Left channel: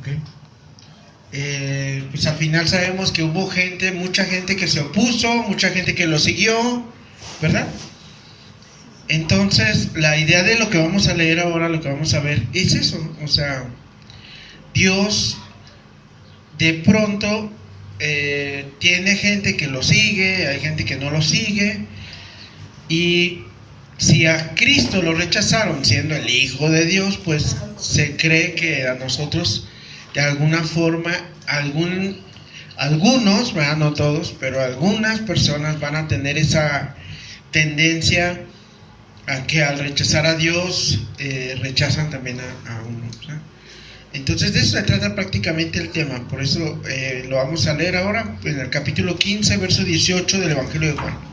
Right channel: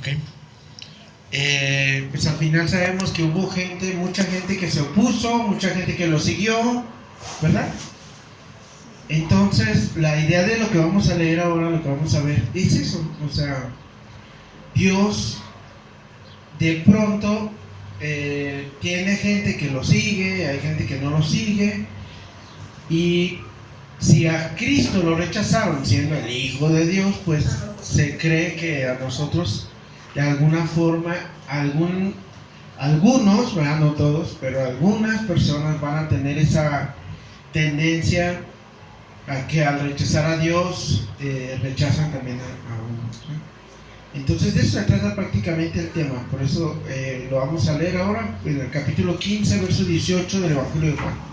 ¿Okay? Pues al final sabemos que hubo gente, mucha gente que se opuso, mucha gente que lo siguió, ¿verdad? Entonces, la idea de lo que vamos a leer ahora, lo que vamos a ver, es eso. O sea, Dios de pronto tiene gente que lo sigue, hay gente que no lo sigue, y si a Cristo lo rechazaron siendo el Hijo de Dios, pues se cree que a nosotros de alguna forma, algunos, ¿verdad? No todos, pero algunas personas van a tener esa tendencia a que al rechazar a Dios rechazan también a uno, ¿sí? Entonces de eso se trata prácticamente el tema. Por eso lo vamos a leer ahora en el capítulo 15, verso 18 del Evangelio de Juan.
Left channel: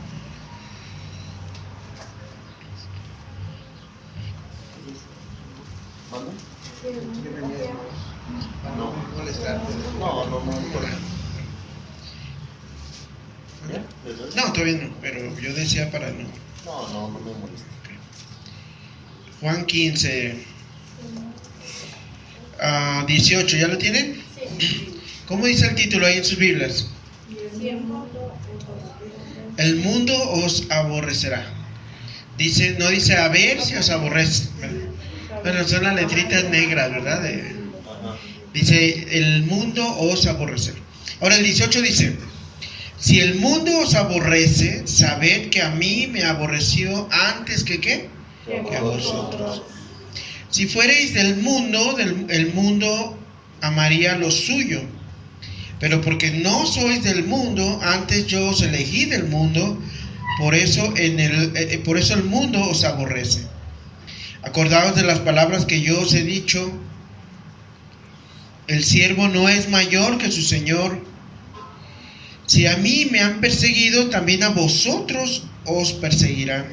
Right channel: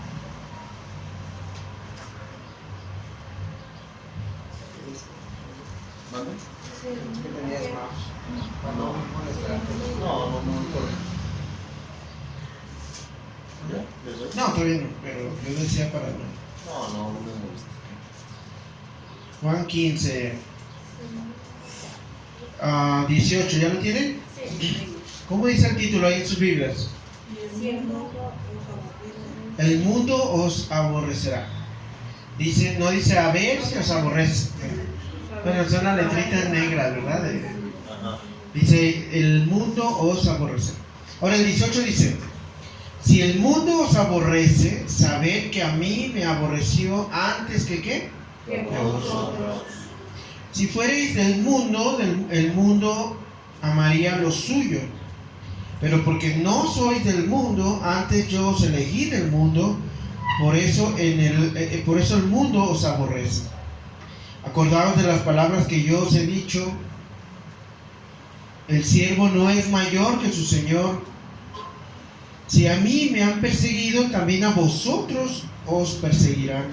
No, todavía no, pero yo decía para no. Juan 15, 18, ¿ya lo tienen? Sí. ¿Cómo dice el título ahí en sus Biblias? El mundo os aborrecerá. Dice, no dice a ver si os aborrece. Bueno, son las letritas negras, ¿verdad? Dice, el mundo os aborrecerá. Ahora el 18 dice, si el mundo os aborrece, sabed que a mí me aborreció antes que ¿qué? Que a vosotros. Si fuereis del mundo, el mundo amaría lo suyo. Pero porque no sois del mundo, antes yo os elegí del mundo, por eso el mundo os aborrece. Acordaos de las palabras que yo os he dicho: el siervo no es mayor que su señor. Si a mí me han perseguido, también a vosotros os perseguirán.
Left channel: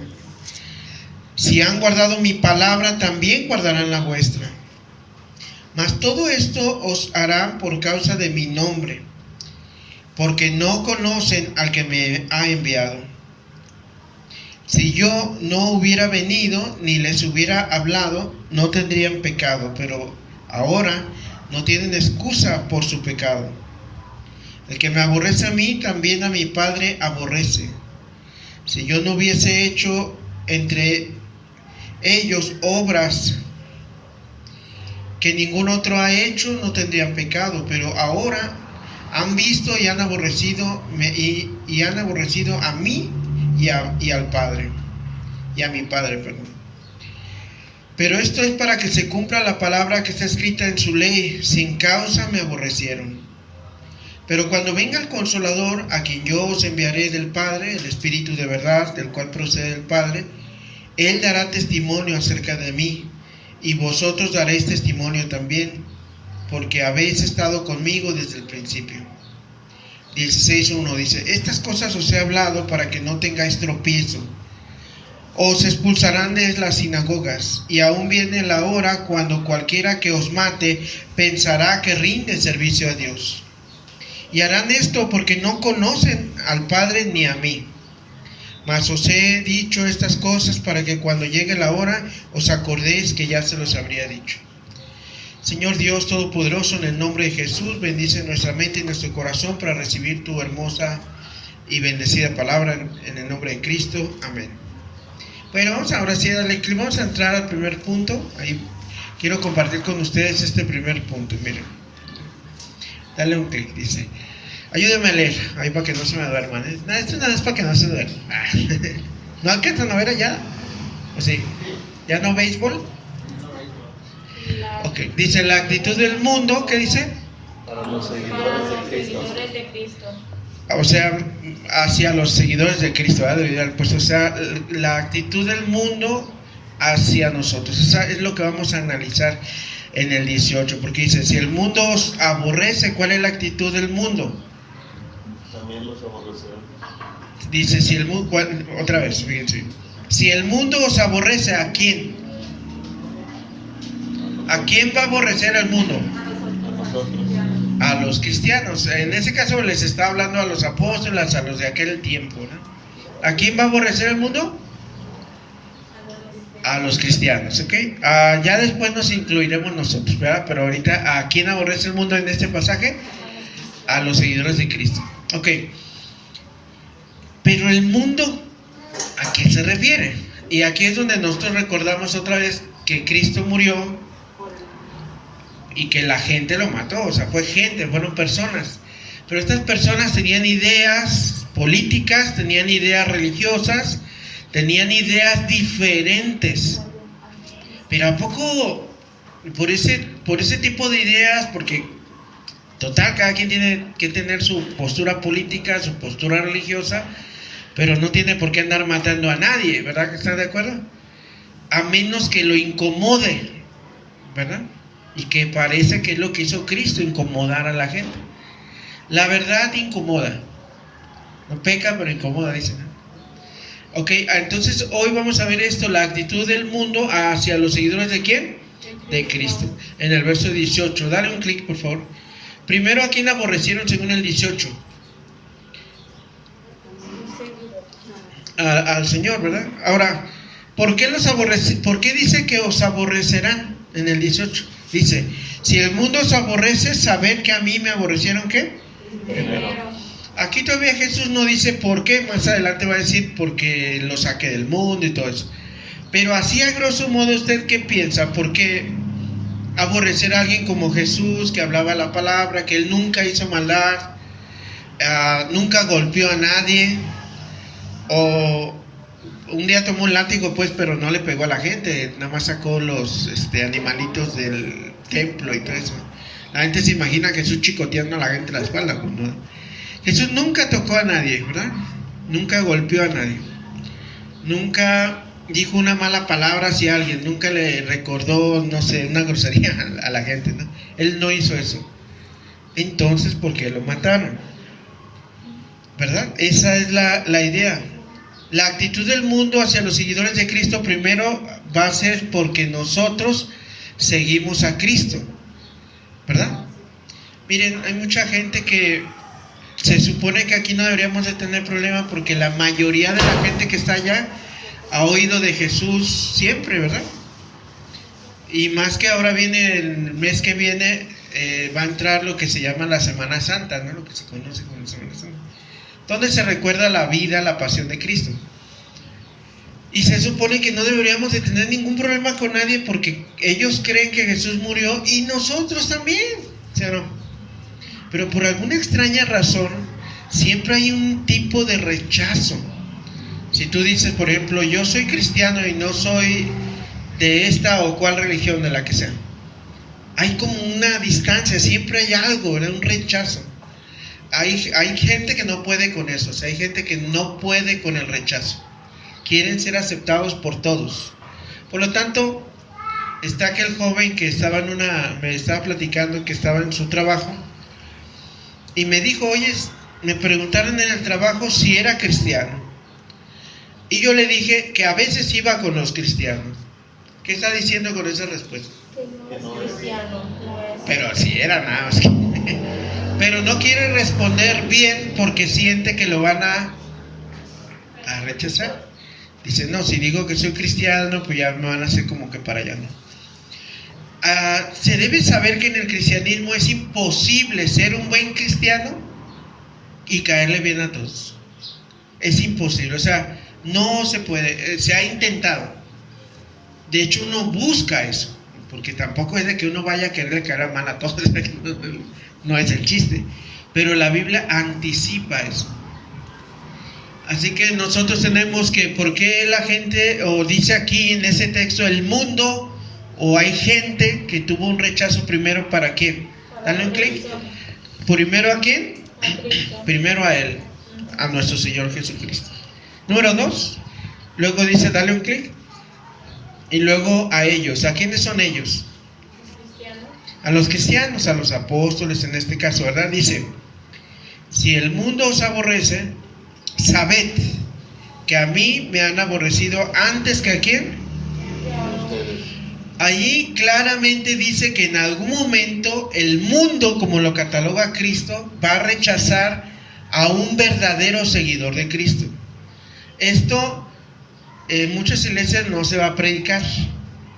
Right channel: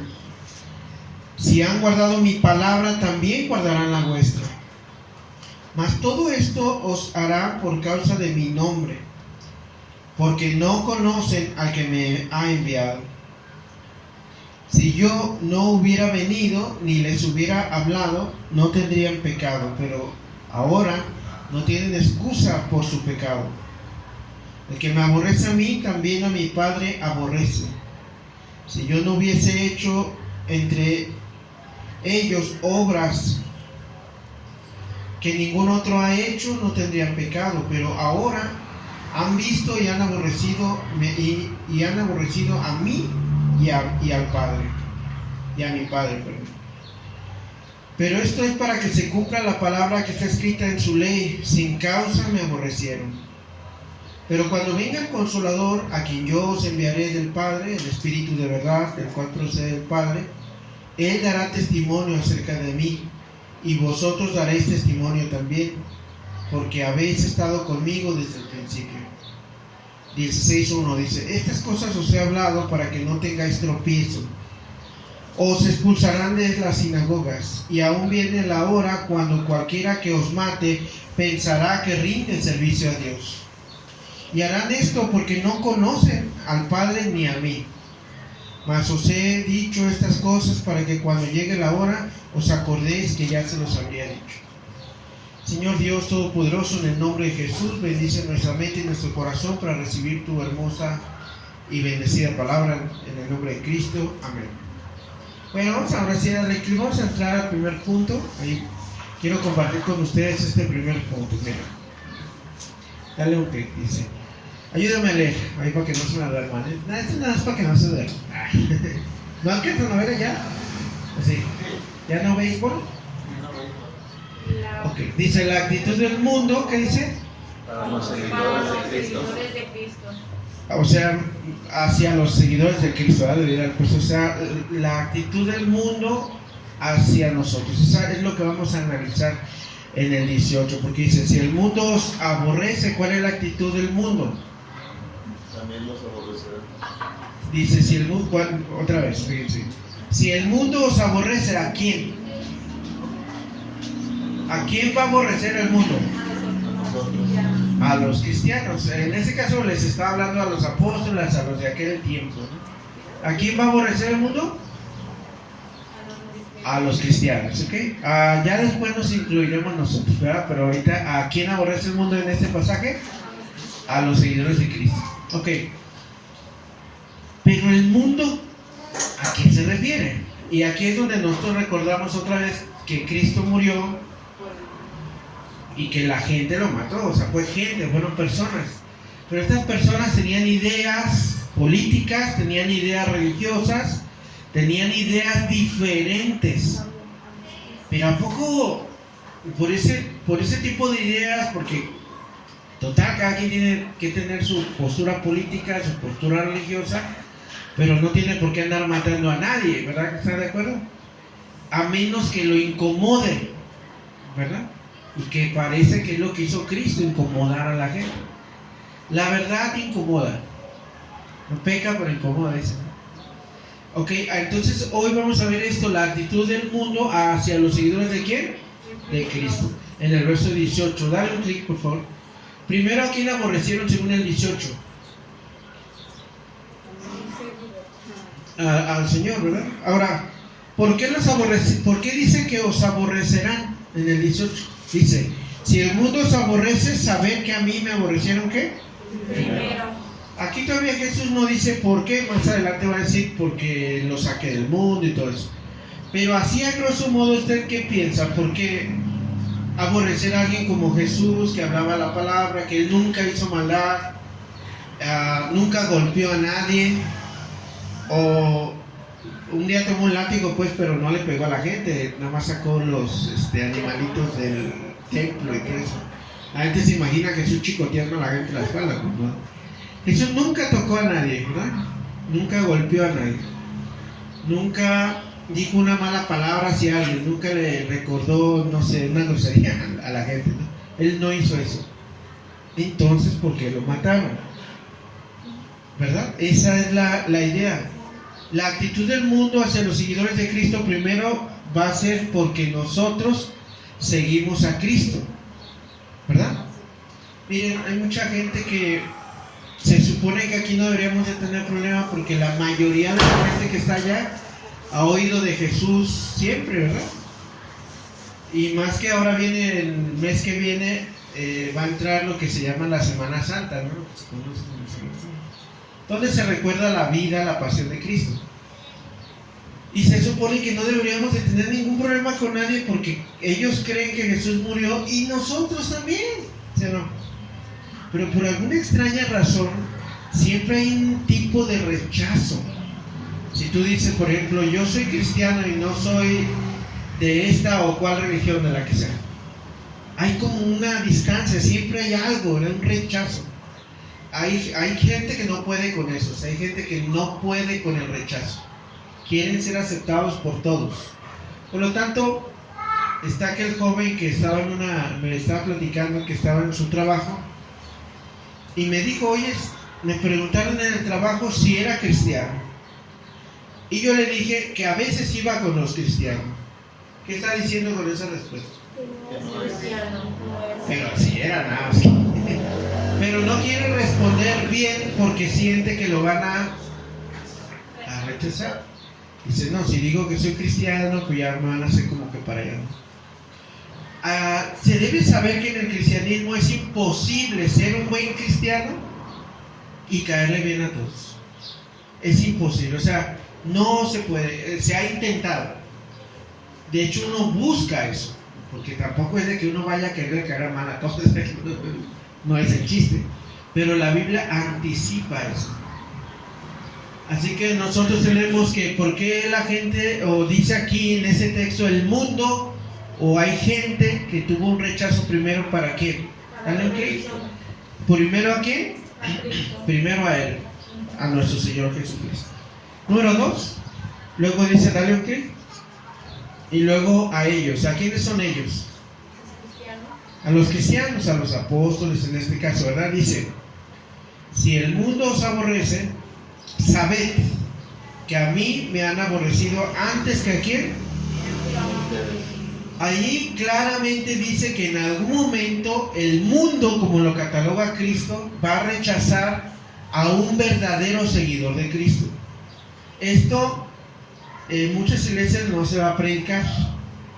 Si han guardado mi palabra, también guardarán la vuestra. Mas todo esto os harán por causa de mi nombre, porque no conocen al que me ha enviado. Si yo no hubiera venido ni les hubiera hablado, no tendrían pecado, pero ahora no tienen excusa por su pecado. El que me aborrece a mí, también a mi Padre aborrece. Si yo no hubiese hecho entre ellos obras que ningún otro ha hecho, no tendrían pecado, pero ahora han visto y han aborrecido y han aborrecido a mí y al Padre, y a mi Padre, perdón. Pero esto es para que se cumpla la palabra que está escrita en su ley: sin causa me aborrecieron. Pero cuando venga el Consolador, a quien yo os enviaré del Padre, el Espíritu de verdad, del cual procede el Padre, Él dará testimonio acerca de mí, y vosotros daréis testimonio también, porque habéis estado conmigo desde el principio. 16:1 dice: estas cosas os he hablado para que no tengáis tropiezo. Os expulsarán de las sinagogas, y aún viene la hora cuando cualquiera que os mate pensará que rinde servicio a Dios. Y harán esto porque no conocen al Padre ni a mí. Mas os he dicho estas cosas para que cuando llegue la hora os acordéis que ya se los habría dicho. Señor Dios Todopoderoso, en el nombre de Jesús, bendice nuestra mente y nuestro corazón para recibir tu hermosa y bendecida palabra, en el nombre de Cristo. Amén. Bueno, vamos ahora sí a vamos a entrar al primer punto. Ahí quiero compartir con ustedes este primer punto. Mira, dale un clic, dice: ayúdame a leer, ahí para que no se me duerman. Esto nada es para que no se duerman. ¿No alcanzan a ver ya? ¿Sí? ¿Ya no béisbol? Ok, dice la actitud del mundo, ¿qué dice? Para los seguidores de Cristo. O sea, hacia los seguidores de Cristo, ¿verdad? Pues, o sea, la actitud del mundo hacia nosotros. Esa es lo que vamos a analizar en el 18, porque dice: si el mundo os aborrece, ¿cuál es la actitud del mundo? También los aborrecerá. Dice, si el mundo, otra vez, fíjense, si el mundo os aborrece, ¿a quién? ¿A quién va a aborrecer el mundo? A los cristianos. En ese caso les está hablando a los apóstoles, a los de aquel tiempo, ¿no? ¿A quién va a aborrecer el mundo? a los cristianos, ¿ok? Ya después nos incluiremos nosotros, ¿verdad? Pero ahorita, ¿a quién aborrece el mundo en este pasaje? A los seguidores de Cristo, ¿ok? Pero el mundo, ¿a qué se refiere? Y aquí es donde nosotros recordamos otra vez que Cristo murió y que la gente lo mató, o sea, fue gente, fueron personas. Pero estas personas tenían ideas políticas, tenían ideas religiosas, tenían ideas diferentes. Pero ¿a poco por ese tipo de ideas? Porque total, cada quien tiene que tener su postura política, su postura religiosa, pero no tiene por qué andar matando a nadie, ¿verdad que están de acuerdo? A menos que lo incomode, ¿verdad? Y que parece que es lo que hizo Cristo, incomodar a la gente. La verdad incomoda. No peca, pero incomoda, dicen. Ok, entonces hoy vamos a ver esto, la actitud del mundo hacia los seguidores ¿de quién? De Cristo. En el verso 18, dale un clic por favor. Primero, ¿a quién aborrecieron según el 18? Al Señor, ¿verdad? Ahora, ¿por qué dice que os aborrecerán en el 18? Dice, si el mundo os aborrece, sabed que a mí me aborrecieron, ¿qué? Primero. Aquí todavía Jesús no dice por qué, más adelante va a decir porque lo saque del mundo y todo eso. Pero así a grosso modo, ¿usted qué piensa? ¿Por qué aborrecer a alguien como Jesús, que hablaba la palabra, que él nunca hizo maldad, nunca golpeó a nadie, o un día tomó un látigo pues, pero no le pegó a la gente, nada más sacó los animalitos del templo y todo eso? La gente se imagina que Jesús chicoteando a la gente en la espalda, ¿no? Jesús nunca tocó a nadie, ¿verdad? Nunca golpeó a nadie, nunca dijo una mala palabra hacia alguien, nunca le recordó, no sé, una grosería a la gente, ¿no? Él no hizo eso. Entonces, ¿por qué lo mataron? ¿Verdad? Esa es la idea. La actitud del mundo hacia los seguidores de Cristo primero va a ser porque nosotros seguimos a Cristo, ¿verdad? Miren, hay mucha gente que se supone que aquí no deberíamos de tener problema porque la mayoría de la gente que está allá ha oído de Jesús siempre, ¿verdad? Y más que ahora viene el mes que viene, va a entrar lo que se llama la Semana Santa, ¿no? Lo que se conoce como Semana Santa, donde se recuerda la vida, la pasión de Cristo. Y se supone que no deberíamos de tener ningún problema con nadie porque ellos creen que Jesús murió y nosotros también, ¿sí o no? Pero por alguna extraña razón siempre hay un tipo de rechazo. Si tú dices, por ejemplo, yo soy cristiano y no soy de esta o cual religión, de la que sea, hay como una distancia, siempre hay algo, ¿verdad? Un rechazo. Hay gente que no puede con eso, o sea, hay gente que no puede con el rechazo. Quieren ser aceptados por todos. Por lo tanto, está aquel joven que estaba me estaba platicando que estaba en su trabajo y me dijo, oye, me preguntaron en el trabajo si era cristiano. Y yo le dije que a veces iba con los cristianos. ¿Qué está diciendo con esa respuesta? Pero si era nada más. Pero no quiere responder bien porque siente que lo van a rechazar. Dice, no, si digo que soy cristiano, pues ya me van a hacer como que para allá, ¿no? Se debe saber que en el cristianismo es imposible ser un buen cristiano y caerle bien a todos. Es imposible, o sea, no se puede, se ha intentado. De hecho, uno busca eso, porque tampoco es de que uno vaya a quererle caer mal a todos, no es el chiste. Pero la Biblia anticipa eso. Así que nosotros tenemos que, ¿por qué la gente, o dice aquí en ese texto, el mundo, o hay gente que tuvo un rechazo primero para quién? Dale un clic. ¿Primero a quién? Primero a Él, a nuestro Señor Jesucristo. Número 2, luego dice, dale un clic. Y luego a ellos. ¿A quiénes son ellos? A los cristianos, a los apóstoles en este caso, ¿verdad? Dice, si el mundo os aborrece, sabed que a mí me han aborrecido antes que a quién. Allí claramente dice que en algún momento el mundo, como lo cataloga Cristo, va a rechazar a un verdadero seguidor de Cristo. Esto en muchas iglesias no se va a predicar,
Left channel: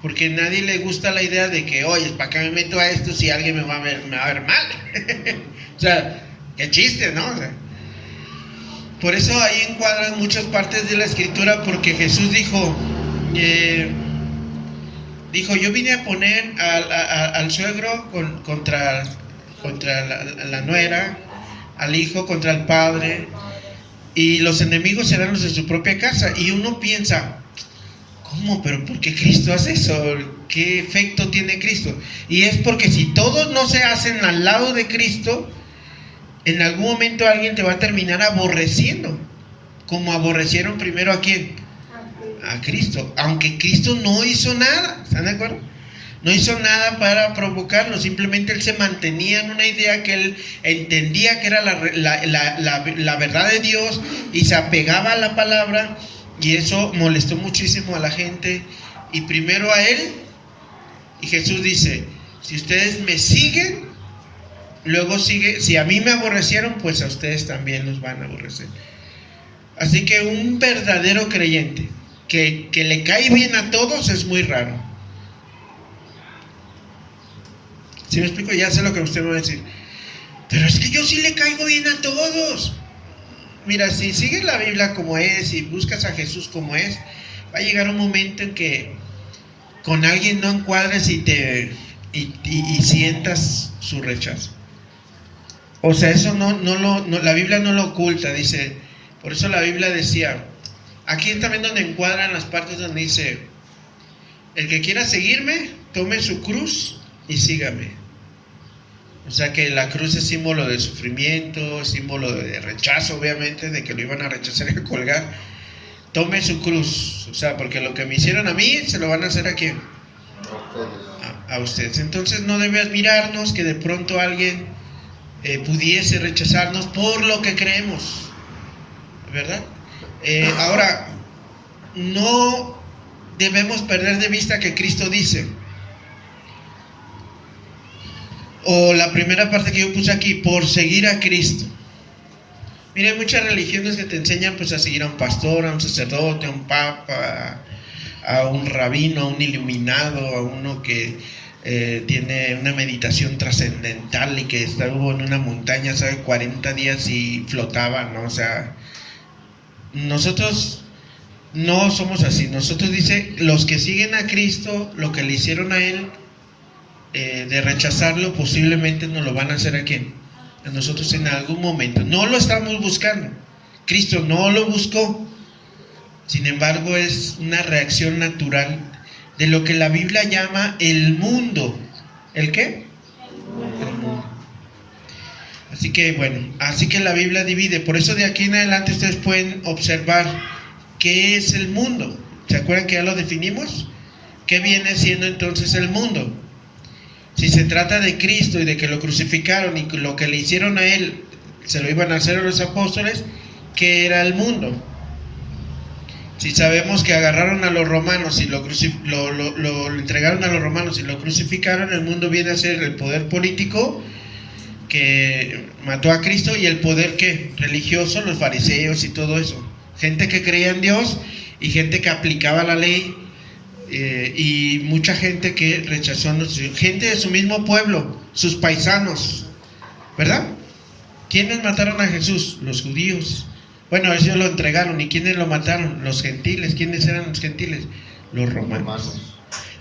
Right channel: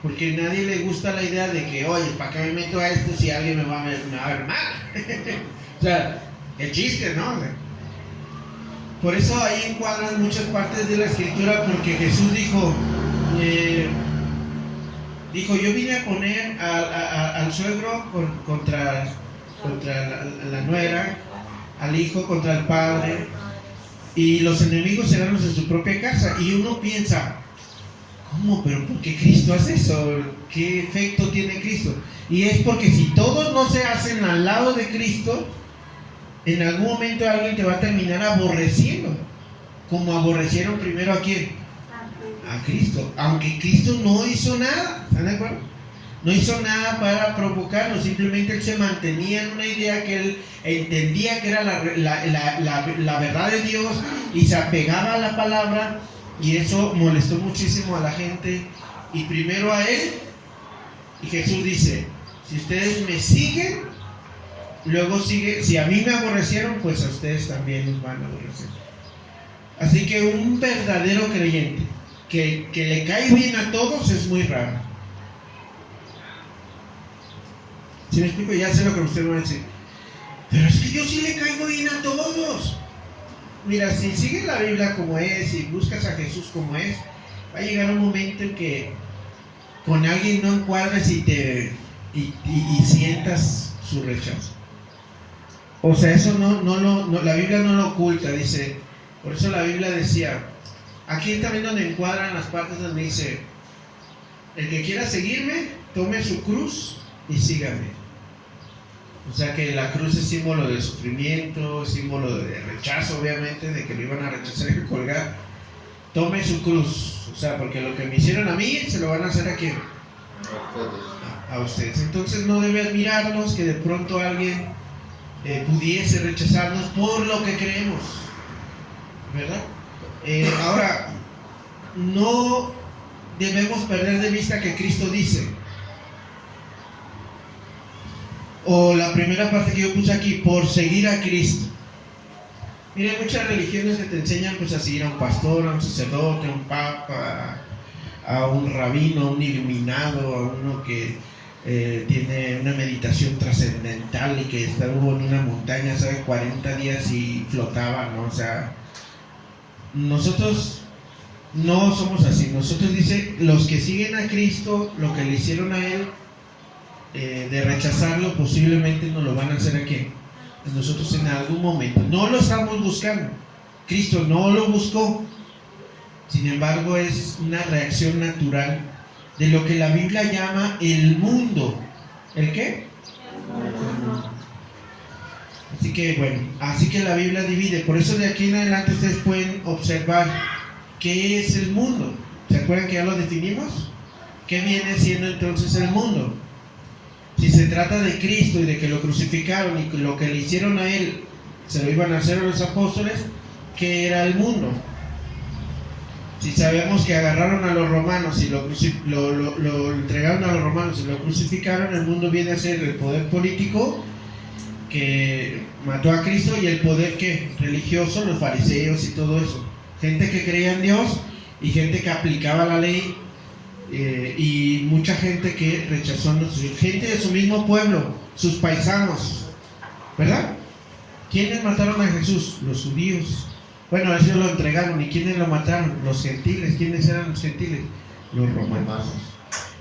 porque a nadie le gusta la idea de que, oye, ¿para qué me meto a esto si alguien me va a ver mal? O sea, qué chiste, ¿no? O sea, por eso ahí encuadran muchas partes de la escritura, porque Jesús dijo, yo vine a poner al suegro contra la nuera, al hijo contra el padre, y los enemigos serán los de su propia casa. Y uno piensa, ¿cómo? ¿Pero por qué Cristo hace eso? ¿Qué efecto tiene Cristo? Y es porque si todos no se hacen al lado de Cristo, en algún momento alguien te va a terminar aborreciendo, como aborrecieron primero ¿a quién? A Cristo, aunque Cristo no hizo nada, ¿están de acuerdo? No hizo nada para provocarlo, simplemente Él se mantenía en una idea que Él entendía que era la verdad de Dios, y se apegaba a la palabra, y eso molestó muchísimo a la gente, y primero a Él, y Jesús dice, si ustedes me siguen, luego sigue, si a mí me aborrecieron, pues a ustedes también los van a aborrecer. Así que un verdadero creyente que le cae bien a todos es muy raro. ¿Sí me explico? Ya sé lo que usted me va a decir. Pero es que yo sí le caigo bien a todos. Mira, si sigues la Biblia como es y buscas a Jesús como es, va a llegar un momento en que con alguien no encuadres y sientas su rechazo. O sea, eso la Biblia no lo oculta, dice. Por eso la Biblia decía, aquí también donde encuadran las partes donde dice, el que quiera seguirme, tome su cruz y sígame. O sea que la cruz es símbolo de sufrimiento, símbolo de rechazo, obviamente, de que lo iban a rechazar y a colgar. Tome su cruz, o sea, porque lo que me hicieron a mí, se lo van a hacer a quién? A ustedes. Entonces no debe admirarnos que de pronto alguien pudiese rechazarnos por lo que creemos, ¿verdad? Ahora, no debemos perder de vista que Cristo dice, o la primera parte que yo puse aquí, por seguir a Cristo. Mira, hay muchas religiones que te enseñan pues a seguir a un pastor, a un sacerdote, a un papa, a un rabino, a un iluminado, a uno que tiene una meditación trascendental y que estuvo en una montaña, ¿sabe? 40 días y flotaba, ¿no? O sea, nosotros no somos así. Nosotros, dice, los que siguen a Cristo, lo que le hicieron a Él, de rechazarlo, posiblemente nos lo van a hacer a quién? A nosotros en algún momento. No lo estamos buscando, Cristo no lo buscó, sin embargo es una reacción natural de lo que la Biblia llama el mundo. ¿El qué? El mundo. Así que bueno, así que la Biblia divide. Por eso de aquí en adelante ustedes pueden observar qué es el mundo. ¿Se acuerdan que ya lo definimos? ¿Qué viene siendo entonces el mundo? Si se trata de Cristo y de que lo crucificaron y lo que le hicieron a Él se lo iban a hacer a los apóstoles, ¿qué era el mundo? Si sabemos que agarraron a los romanos y lo entregaron a los romanos y lo crucificaron, el mundo viene a ser el poder político que mató a Cristo y el poder ¿qué? Religioso, los fariseos y todo eso. Gente que creía en Dios y gente que aplicaba la ley. Y mucha gente que rechazó a nosotros, gente de su mismo pueblo, sus paisanos, ¿verdad? ¿Quiénes mataron a Jesús? Los judíos. Bueno, a ellos lo entregaron. ¿Y quiénes lo mataron? Los gentiles. ¿Quiénes eran los gentiles? Los romanos.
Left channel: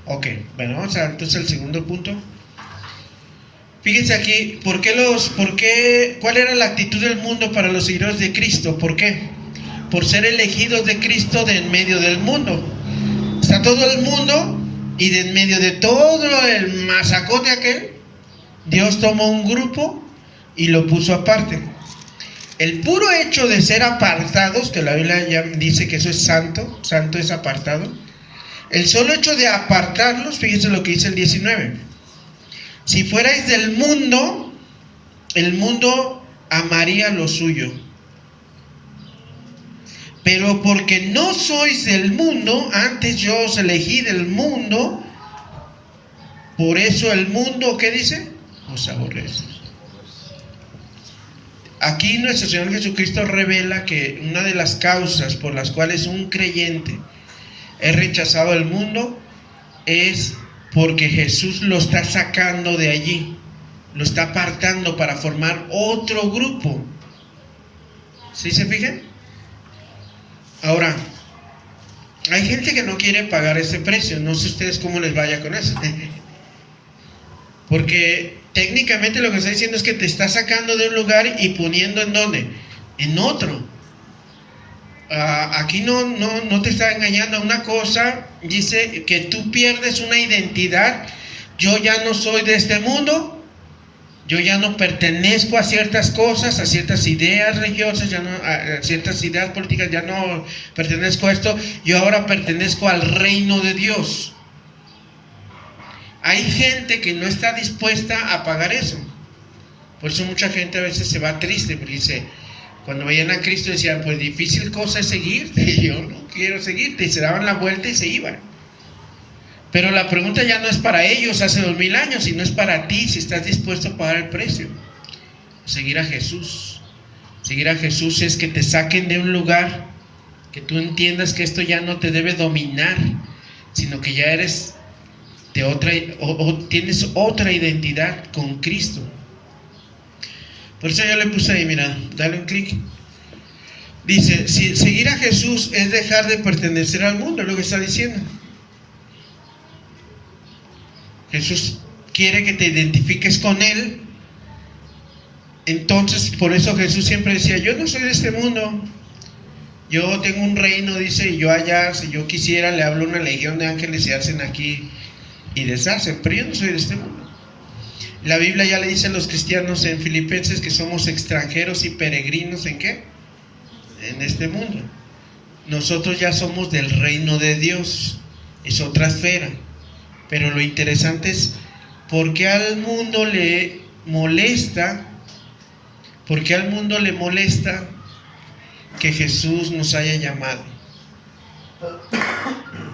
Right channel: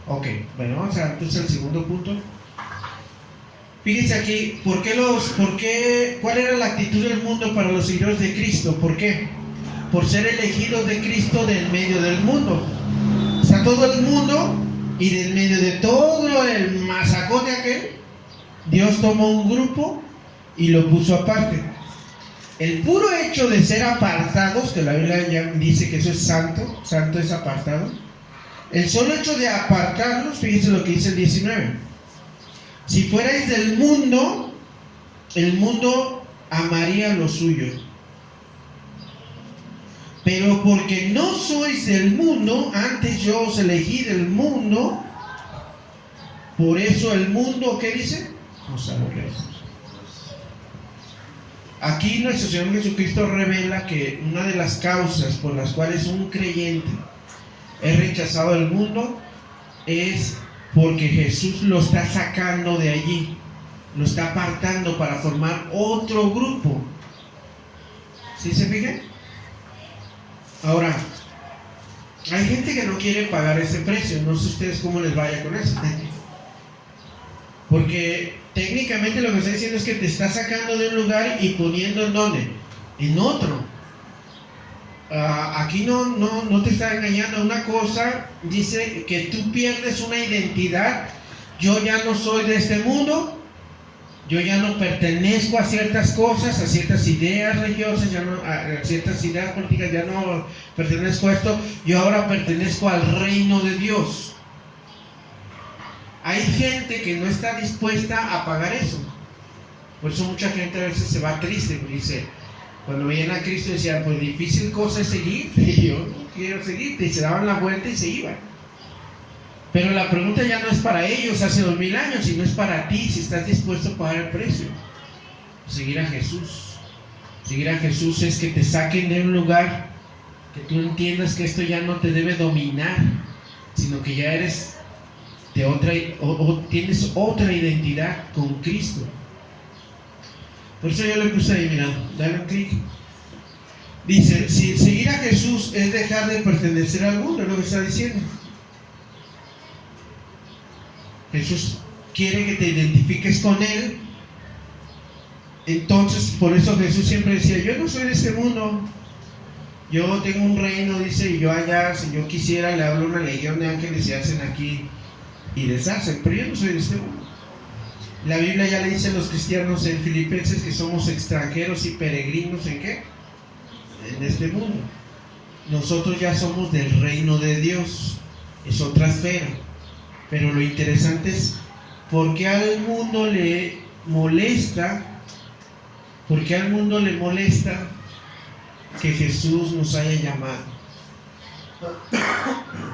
Ok, bueno, vamos a entonces al segundo punto. Fíjense aquí, ¿cuál era la actitud del mundo para los seguidores de Cristo? ¿Por qué? Por ser elegidos de Cristo de en medio del mundo. Está todo el mundo y de en medio de todo el masacote aquel, Dios tomó un grupo y lo puso aparte. El puro hecho de ser apartados, que la Biblia ya dice que eso es santo, santo es apartado. El solo hecho de apartarlos, fíjense lo que dice el 19. Si fuerais del mundo, el mundo amaría lo suyo. Pero porque no sois del mundo, antes yo os elegí del mundo, por eso el mundo, ¿qué dice? Os aborrece. Aquí nuestro Señor Jesucristo revela que una de las causas por las cuales un creyente es rechazado del mundo, es porque Jesús lo está sacando de allí, lo está apartando para formar otro grupo. ¿Sí se fijan? Ahora, hay gente que no quiere pagar ese precio. No sé ustedes cómo les vaya con eso. Porque técnicamente lo que está diciendo es que te está sacando de un lugar y poniendo ¿en dónde? En otro. Aquí no te está engañando. Una cosa dice que tú pierdes una identidad. Yo ya no soy de este mundo. Yo ya no pertenezco a ciertas cosas, a ciertas ideas religiosas, ya no, a ciertas ideas políticas, ya no pertenezco a esto. Yo ahora pertenezco al reino de Dios. Hay gente que no está dispuesta a pagar eso. Por eso mucha gente a veces se va triste, porque dice, cuando veían a Cristo decían, pues difícil cosa es seguirte, y yo no quiero seguirte, y se daban la vuelta y se iban. Pero la pregunta ya no es para ellos hace 2000 años, sino es para ti, si estás dispuesto a pagar el precio. Seguir a Jesús. Seguir a Jesús es que te saquen de un lugar, que tú entiendas que esto ya no te debe dominar, sino que ya eres de otra, o tienes otra identidad con Cristo. Por eso yo le puse ahí, mira, dale un clic. Dice, si seguir a Jesús es dejar de pertenecer al mundo, es lo que está diciendo. Jesús quiere que te identifiques con Él. Entonces, por eso Jesús siempre decía, yo no soy de este mundo. Yo tengo un reino, dice, y yo allá, si yo quisiera, le hablo a una legión de ángeles y hacen aquí y deshacen, pero yo no soy de este mundo. La Biblia ya le dice a los cristianos en Filipenses que somos extranjeros y peregrinos, ¿en qué? En este mundo. Nosotros ya somos del reino de Dios, es otra esfera. Pero lo interesante es, ¿por qué al mundo le molesta? ¿Por qué al mundo le molesta que Jesús nos haya llamado?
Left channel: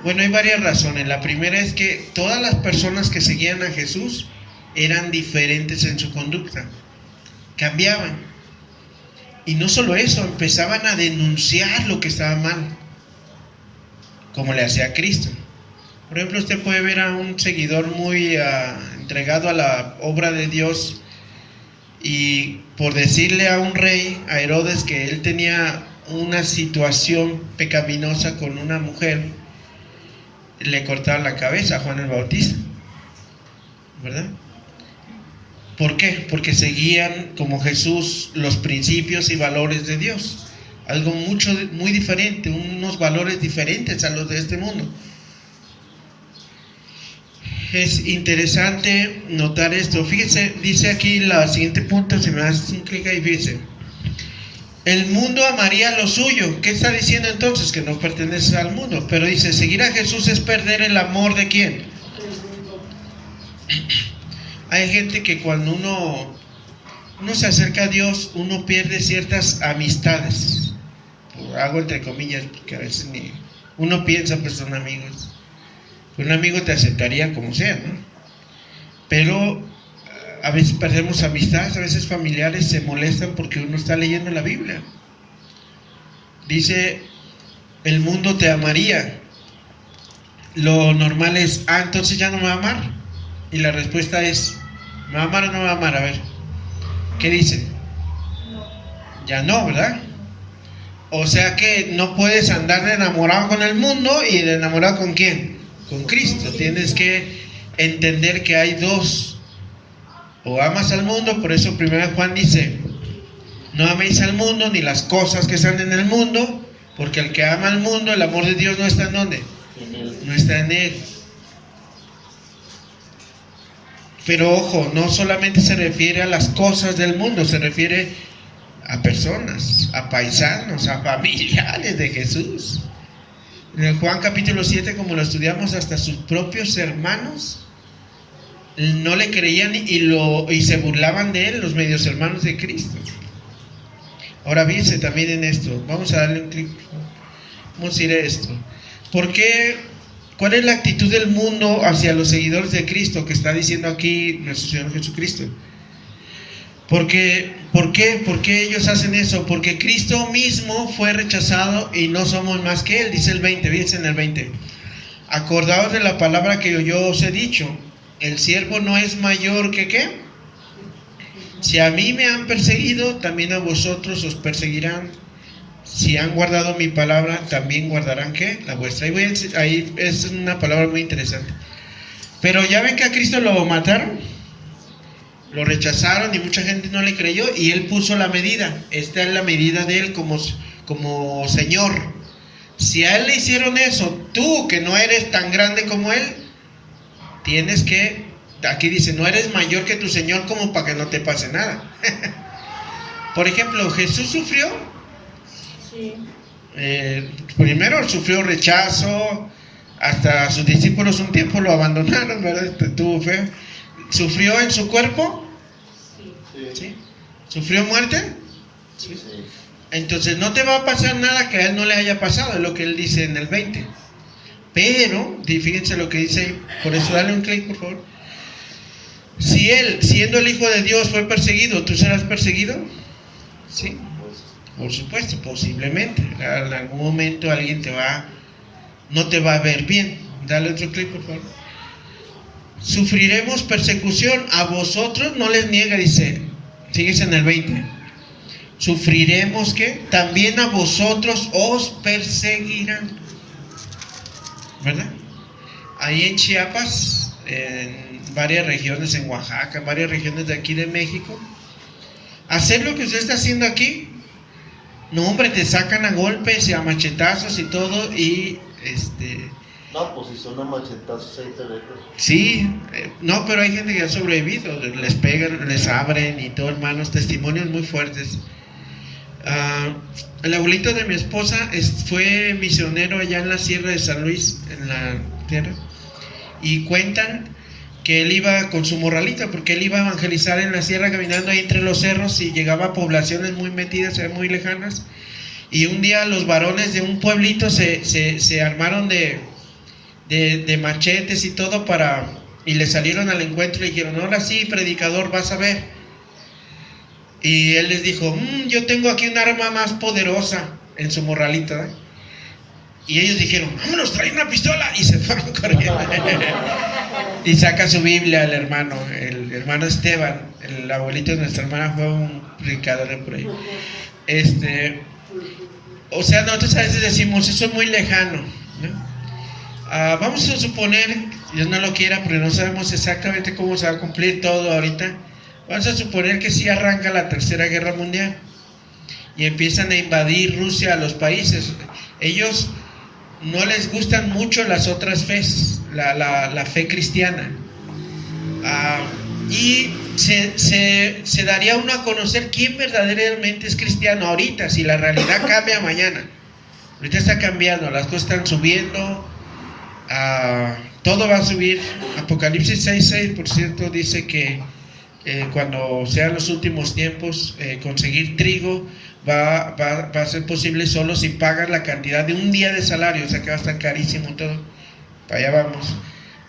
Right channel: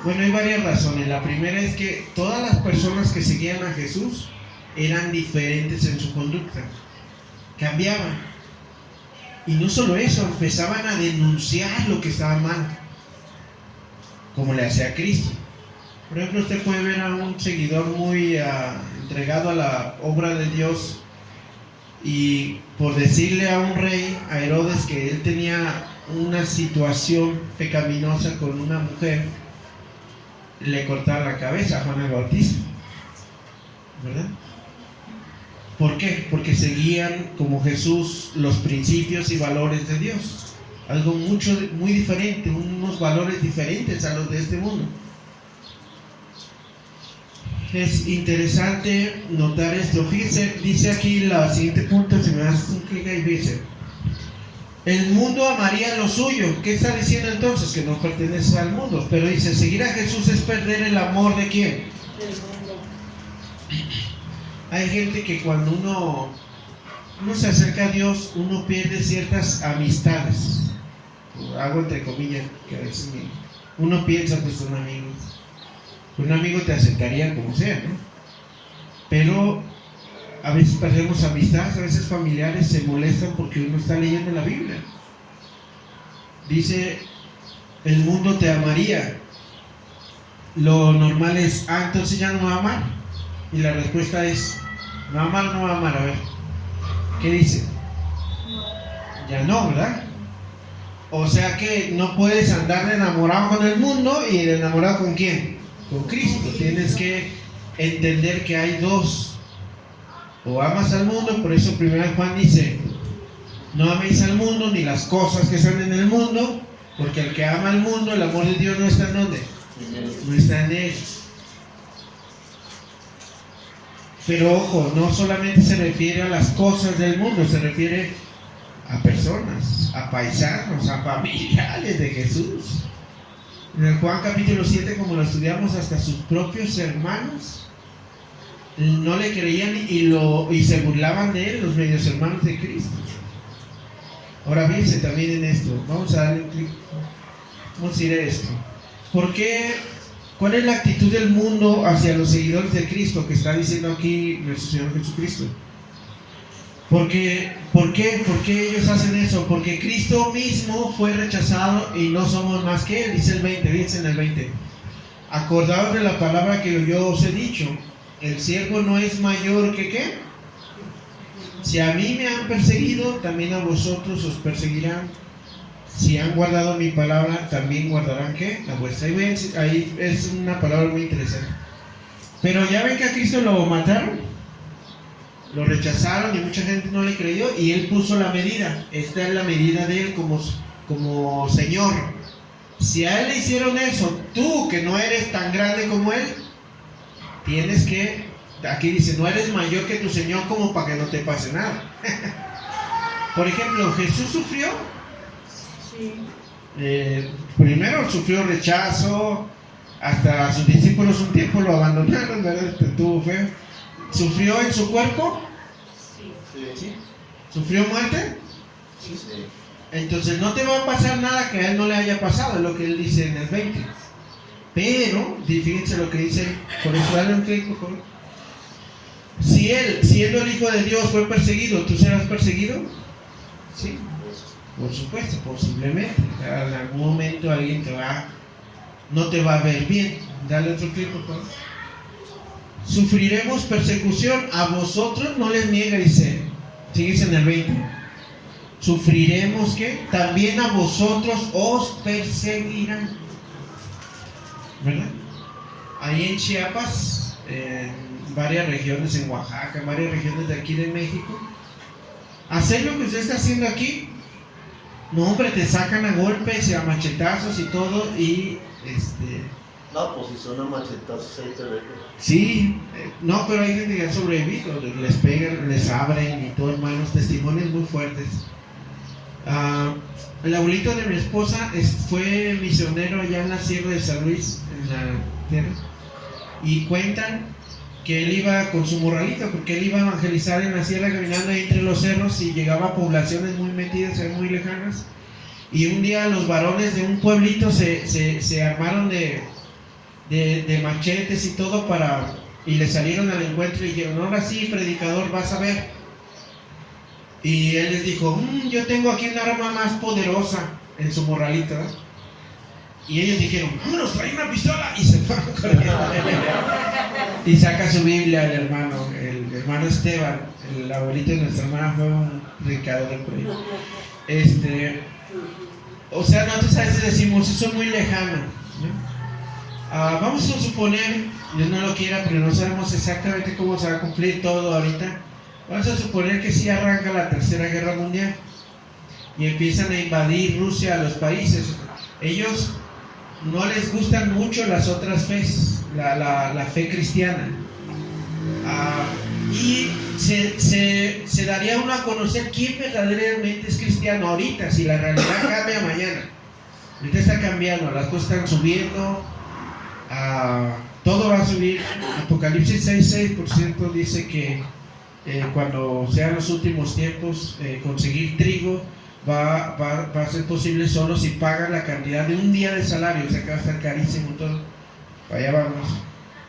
Bueno, hay varias razones. La primera es que todas las personas que seguían a Jesús eran diferentes en su conducta, cambiaban. Y no solo eso, empezaban a denunciar lo que estaba mal, como le hacía Cristo. Por ejemplo, usted puede ver a un seguidor muy entregado a la obra de Dios, y por decirle a un rey, a Herodes, que él tenía una situación pecaminosa con una mujer, le cortaron la cabeza a Juan el Bautista, ¿verdad? ¿Por qué? Porque seguían como Jesús los principios y valores de Dios, algo muy diferente, unos valores diferentes a los de este mundo. Es interesante notar esto. Fíjense, dice aquí la siguiente punto, si me das un clic ahí, fíjense. El mundo amaría lo suyo. ¿Qué está diciendo entonces? Que no pertenece al mundo. Pero dice, seguir a Jesús es perder el amor ¿de quién? Hay gente que cuando uno se acerca a Dios, uno pierde ciertas amistades. Hago entre comillas, porque a veces uno piensa pues son amigos. Un amigo te aceptaría como sea, ¿no? Pero a veces perdemos amistades, a veces familiares se molestan porque uno está leyendo la Biblia. Dice, el mundo te amaría. Lo normal es, entonces ya no me va a amar. Y la respuesta es, ¿me va a amar o no me va a amar? A ver, ¿qué dice? Ya no, ¿verdad? O sea que no puedes andar de enamorado con el mundo y de enamorado ¿con quién? Con Cristo. Tienes que entender que hay dos: o amas al mundo. Por eso 1 Juan dice, no améis al mundo ni las cosas que están en el mundo, porque el que ama al mundo, el amor de Dios no está en ¿dónde? No está en él. Pero ojo, no solamente se refiere a las cosas del mundo, se refiere a personas, a paisanos, a familiares de Jesús. En el Juan capítulo 7, como lo estudiamos, hasta sus propios hermanos no le creían y se burlaban de él, los medios hermanos de Cristo. Ahora fíjense también en esto, vamos a darle un clic, vamos a ir a esto. ¿Por qué? ¿Cuál es la actitud del mundo hacia los seguidores de Cristo que está diciendo aquí nuestro Señor Jesucristo? ¿Por qué ellos hacen eso? Porque Cristo mismo fue rechazado y no somos más que Él, dice el 20, fíjense en el 20. acordaos de la palabra que yo os he dicho, el siervo no es mayor que ¿qué? Si a mí me han perseguido, también a vosotros os perseguirán. Si han guardado mi palabra, también guardarán ¿qué? La vuestra. Ahí es una palabra muy interesante. Pero ya ven que a Cristo lo mataron, lo rechazaron y mucha gente no le creyó, y Él puso la medida. Esta es la medida de Él como Señor. Si a Él le hicieron eso, tú que no eres tan grande como Él, tienes que, aquí dice, no eres mayor que tu Señor como para que no te pase nada. Por ejemplo, Jesús sufrió. Sí. Primero sufrió rechazo, hasta sus discípulos un tiempo lo abandonaron, ¿verdad? Tuvo feo. ¿Sufrió en su cuerpo? ¿Sí? ¿Sufrió muerte? Sí. Entonces no te va a pasar nada que a él no le haya pasado, es lo que él dice en el 20. Pero, fíjense lo que dice, por eso dale un clic, por favor. Si él, siendo el Hijo de Dios, fue perseguido, ¿tú serás perseguido? Sí, por supuesto, posiblemente. En algún momento alguien no te va a ver bien. Dale otro clic, por favor. Sufriremos persecución, a vosotros no les niega, dice, fíjense en el 20. Sufriremos que también a vosotros os perseguirán, ¿verdad? Ahí en Chiapas, en varias regiones, en Oaxaca, en varias regiones de aquí de México, hacer lo que usted está haciendo aquí, no hombre, te sacan a golpes y a machetazos y todo, y No, pues si son a machetazos ahí te dejo. sí, no, pero hay gente que ha sobrevivido, les pegan, les abren y todo, hermanos, testimonios muy fuertes. El abuelito de mi esposa fue misionero allá en la Sierra de San Luis, en la tierra, y cuentan que él iba con su morralita, porque él iba a evangelizar en la sierra, caminando ahí entre los cerros, y llegaba a poblaciones muy metidas, muy lejanas, y un día los varones de un pueblito se armaron de machetes y todo y le salieron al encuentro y dijeron, ahora sí, predicador, vas a ver. Y él les dijo, yo tengo aquí un arma más poderosa, en su morralita, ¿eh? Y ellos dijeron, vámonos, trae una pistola, y se fueron corriendo. Y saca su Biblia el hermano Esteban, el abuelito de nuestra hermana, fue un predicador por ahí. O sea, nosotros a veces decimos, eso es muy lejano, ¿no? Vamos a suponer, Dios no lo quiera, pero no sabemos exactamente cómo se va a cumplir todo ahorita. Vamos a suponer que sí arranca la Tercera Guerra Mundial y empiezan a invadir Rusia a los países. Ellos no les gustan mucho las otras fes, la fe cristiana. Y se daría uno a conocer quién verdaderamente es cristiano ahorita, si la realidad cambia mañana. Ahorita está cambiando, las cosas están subiendo, todo va a subir. Apocalipsis 6:6% dice que cuando sean los últimos tiempos, conseguir trigo va a ser posible solo si pagan la cantidad de un día de salario, o sea que va a estar carísimo todo. Para allá vamos.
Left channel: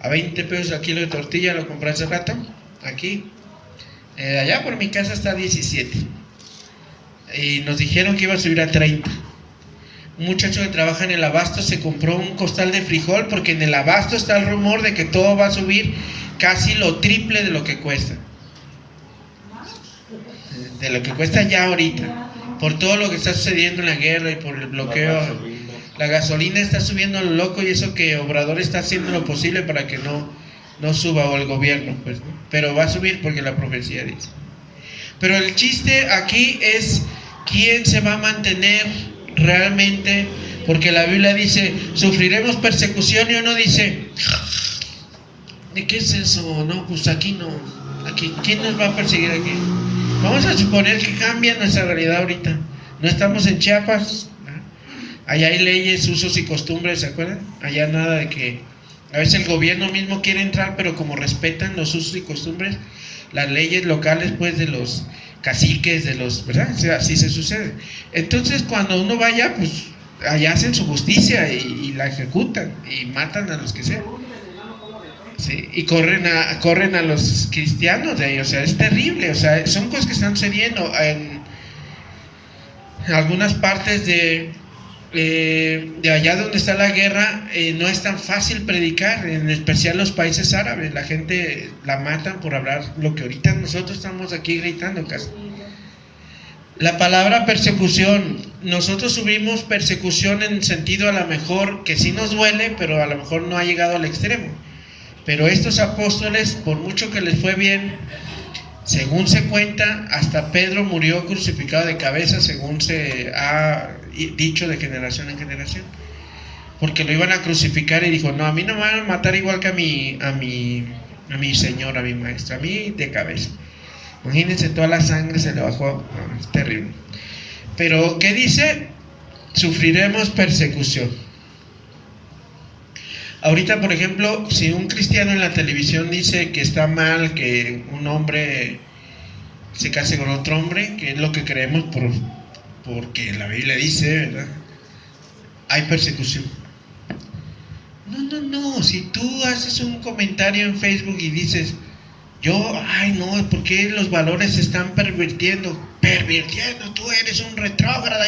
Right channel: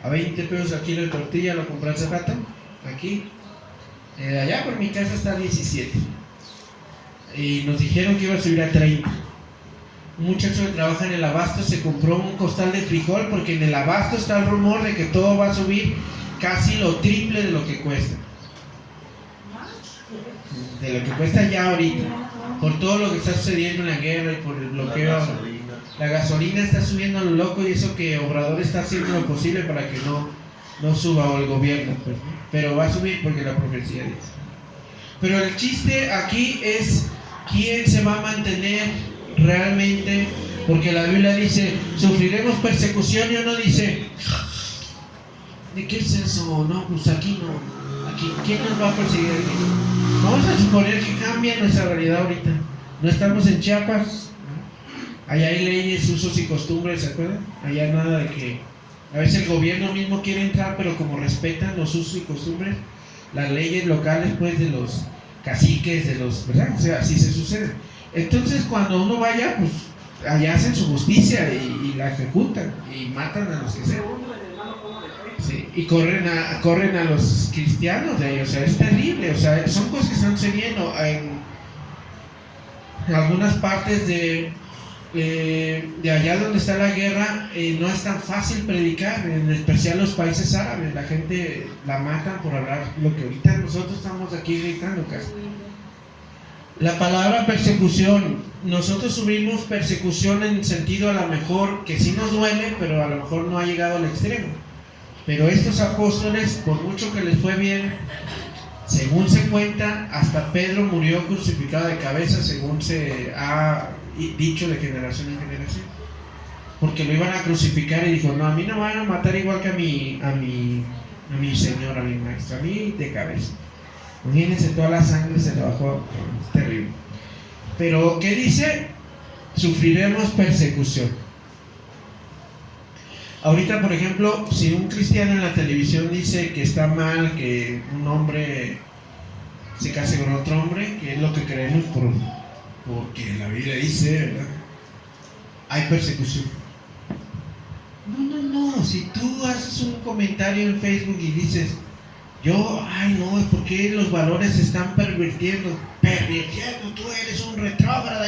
A 20 pesos el kilo de tortilla, lo compré hace rato, aquí. Allá por mi casa está a 17. Y nos dijeron que iba a subir a 30. Un muchacho que trabaja en el abasto se compró un costal de frijol, porque en el abasto está el rumor de que todo va a subir casi lo triple de lo que cuesta. De lo que cuesta ya ahorita, por todo lo que está sucediendo en la guerra y por el bloqueo. La gasolina está subiendo a lo loco, y eso que Obrador está haciendo lo posible para que no suba, o el gobierno, pues, pero va a subir porque la profecía dice. Pero el chiste aquí es quién se va a mantener realmente, porque la Biblia dice sufriremos persecución, y uno dice, ¿de qué es eso? No, pues aquí no, ¿quién nos va a perseguir aquí? Vamos a suponer que cambia nuestra realidad ahorita. No estamos en Chiapas, allá hay leyes, usos y costumbres, ¿se acuerdan? Allá nada de que a veces el gobierno mismo quiere entrar, pero como respetan los usos y costumbres, las leyes locales, pues, de los caciques, ¿verdad? O sea, así se sucede. Entonces, cuando uno vaya, pues, allá hacen su justicia y la ejecutan y matan a los que sean. Sí, y corren a los cristianos de ahí, o sea, es terrible, o sea, son cosas que están sucediendo en algunas partes de de allá donde está la guerra, no es tan fácil predicar, en especial los países árabes. La gente la matan por hablar lo que ahorita nosotros estamos aquí gritando casi. La palabra persecución, nosotros sufrimos persecución en sentido a lo mejor que sí nos duele, pero a lo mejor no ha llegado al extremo. Pero estos apóstoles, por mucho que les fue bien, según se cuenta, hasta Pedro murió crucificado de cabeza, según se ha dicho de generación en generación, porque lo iban a crucificar y dijo: no, a mí no me van a matar igual que a mi Señor, a mi Maestro, a mí de cabeza. Imagínense, toda la sangre se le bajó, es terrible. Pero ¿qué dice? Sufriremos persecución. Ahorita, por ejemplo, si un cristiano en la televisión dice que está mal que un hombre se case con otro hombre, que es lo que creemos porque la Biblia dice, ¿verdad? Hay persecución. No, si tú haces un comentario en Facebook y dices: ¿por qué los valores se están pervirtiendo? Tú eres un retrógrada.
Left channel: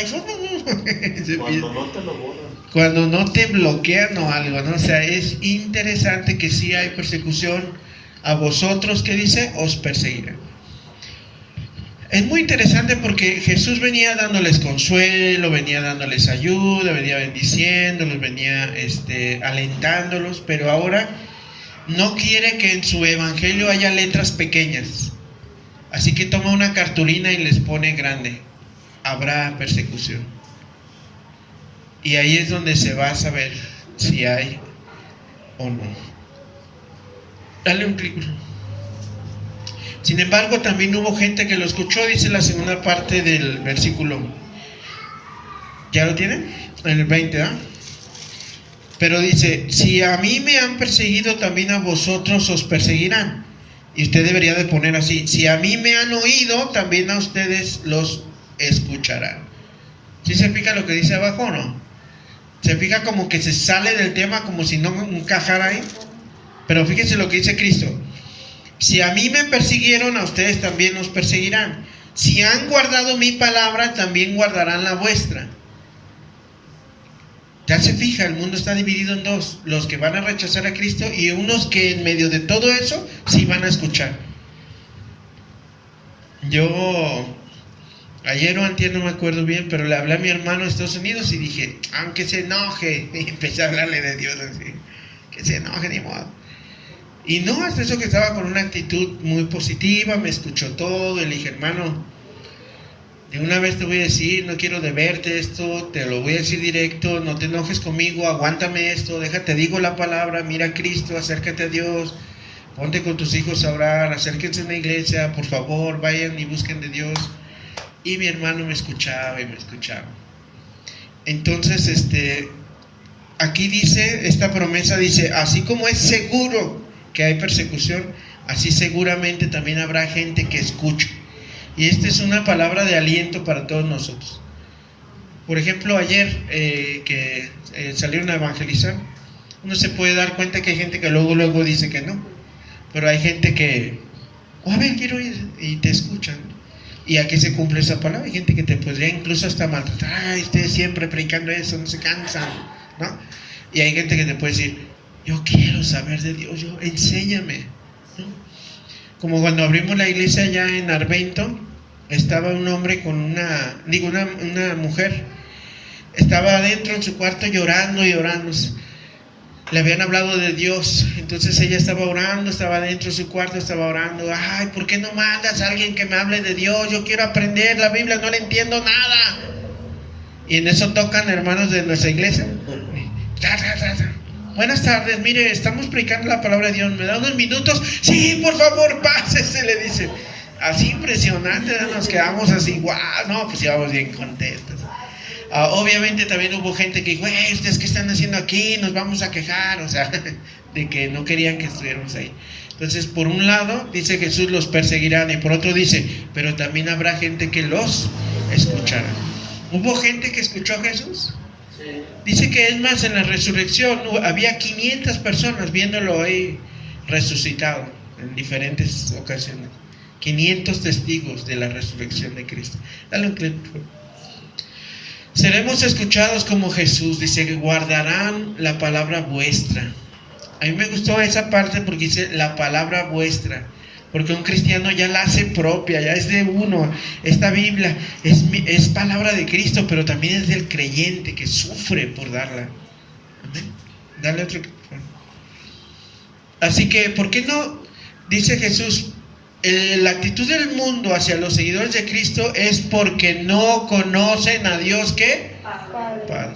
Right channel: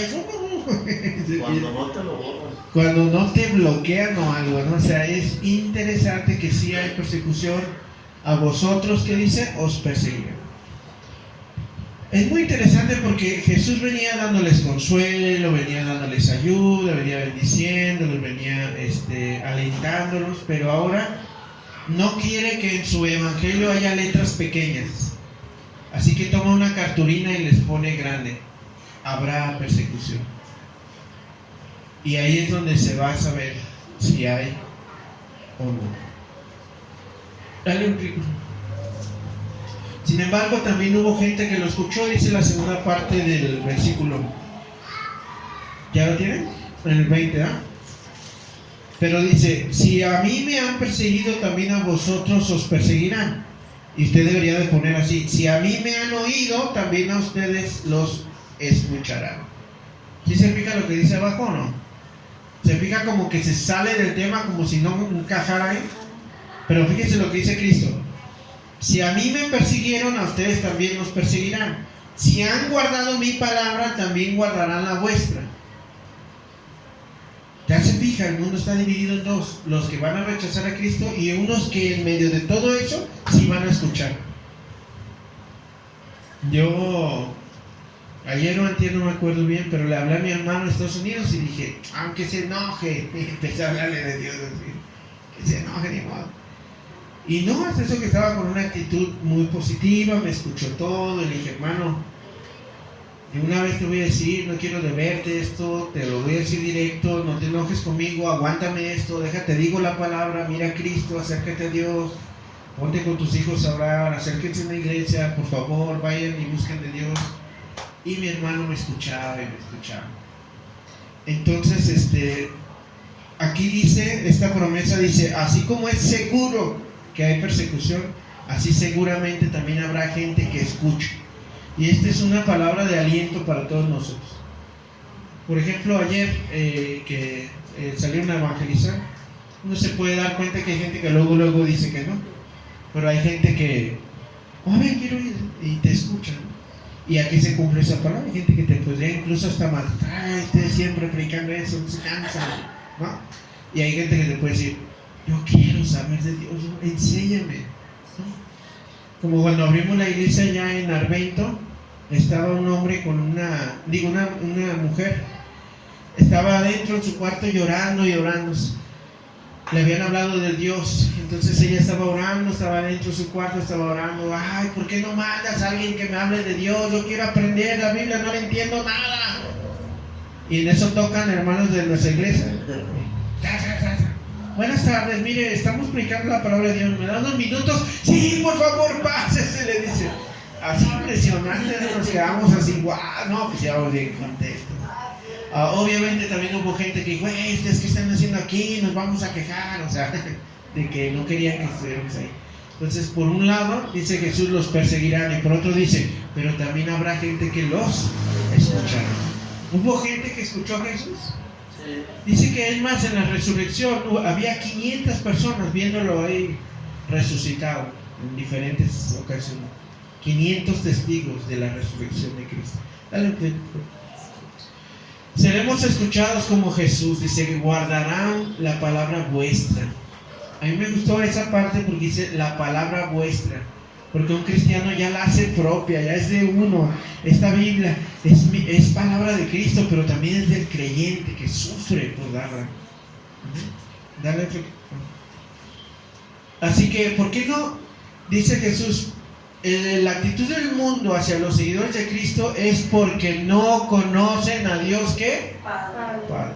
Cuando no te lo borran. Cuando no te bloquean o algo, ¿no? O sea, es interesante que sí hay persecución. A vosotros, ¿qué dice? Os perseguirán. Es muy interesante porque Jesús venía dándoles consuelo, venía dándoles ayuda, venía bendiciéndolos, venía alentándolos, pero ahora no quiere que en su evangelio haya letras pequeñas. Así que toma una cartulina y les pone grande: habrá persecución. Y ahí es donde se va a saber si hay o no. Dale un clic. Sin embargo, también hubo gente que lo escuchó, dice la segunda parte del versículo. ¿Ya lo tienen? En el 20, ¿ah? Pero dice: si a mí me han perseguido, también a vosotros os perseguirán. Y usted debería de poner así: si a mí me han oído, también a ustedes los escucharán. ¿Sí se fija lo que dice abajo o no? Se fija como que se sale del tema, como si no encajara ahí. Pero fíjense lo que dice Cristo: si a mí me persiguieron, a ustedes también los perseguirán. Si han guardado mi palabra, también guardarán la vuestra. Ya se fija, el mundo está dividido en dos: los que van a rechazar a Cristo y unos que en medio de todo eso sí van a escuchar. Yo ayer o antier, no me acuerdo bien, pero le hablé a mi hermano en Estados Unidos y dije: aunque se enoje, y empecé a hablarle de Dios así, que se enoje, ni modo. Y no, hasta eso que estaba con una actitud muy positiva, me escuchó todo, y le dije: hermano, de una vez te voy a decir, no quiero deberte esto, te lo voy a decir directo, no te enojes conmigo, aguántame esto, déjate, digo la palabra, mira a Cristo, acércate a Dios, ponte con tus hijos a orar, acérquense a la iglesia, por favor, vayan y busquen de Dios. Y mi hermano me escuchaba y me escuchaba. Entonces, aquí dice, esta promesa dice: así como es seguro que hay persecución, así seguramente también habrá gente que escuche. Y esta es una palabra de aliento para todos nosotros. Por ejemplo, ayer que salieron a evangelizar, uno se puede dar cuenta que hay gente que luego dice que no, pero hay gente que: a ver, quiero ir, y te escuchan. Y aquí se cumple esa palabra. Hay gente que te podría incluso hasta matar: siempre predicando eso, no se cansan, ¿no? Y hay gente que te puede decir: yo quiero saber de Dios, enséñame, ¿no? Como cuando abrimos la iglesia allá en Arvento, estaba un hombre con una mujer, estaba adentro en su cuarto llorando. Le habían hablado de Dios, entonces ella estaba orando, estaba adentro de su cuarto, estaba orando: ay, ¿por qué no mandas a alguien que me hable de Dios? Yo quiero aprender la Biblia, no le entiendo nada. Y en eso tocan hermanos de nuestra iglesia. Buenas tardes, mire, estamos predicando la palabra de Dios, ¿me da unos minutos? Sí, por favor, pásese, le dice. Así impresionante, nos quedamos así, guau, no, pues íbamos bien contentos. Obviamente también hubo gente que dijo: ¿ustedes qué están haciendo aquí? Nos vamos a quejar, o sea, de que no querían que estuviéramos ahí. Entonces, por un lado dice Jesús los perseguirán, y por otro dice: pero también habrá gente que los escuchará. ¿Hubo gente que escuchó a Jesús? Dice que es más, en la resurrección había 500 personas viéndolo ahí resucitado en diferentes ocasiones. 500 testigos de la resurrección de Cristo. Dale un clic, por favor. Seremos escuchados como Jesús, dice que guardarán la palabra vuestra. A mí me gustó esa parte porque dice la palabra vuestra, porque un cristiano ya la hace propia, ya es de uno. Esta Biblia es palabra de Cristo, pero también es del creyente que sufre por darla. Amén. Dale otro. Así que, ¿por qué no? Dice Jesús, la actitud del mundo hacia los seguidores de Cristo es porque no conocen a Dios, ¿qué? Padre.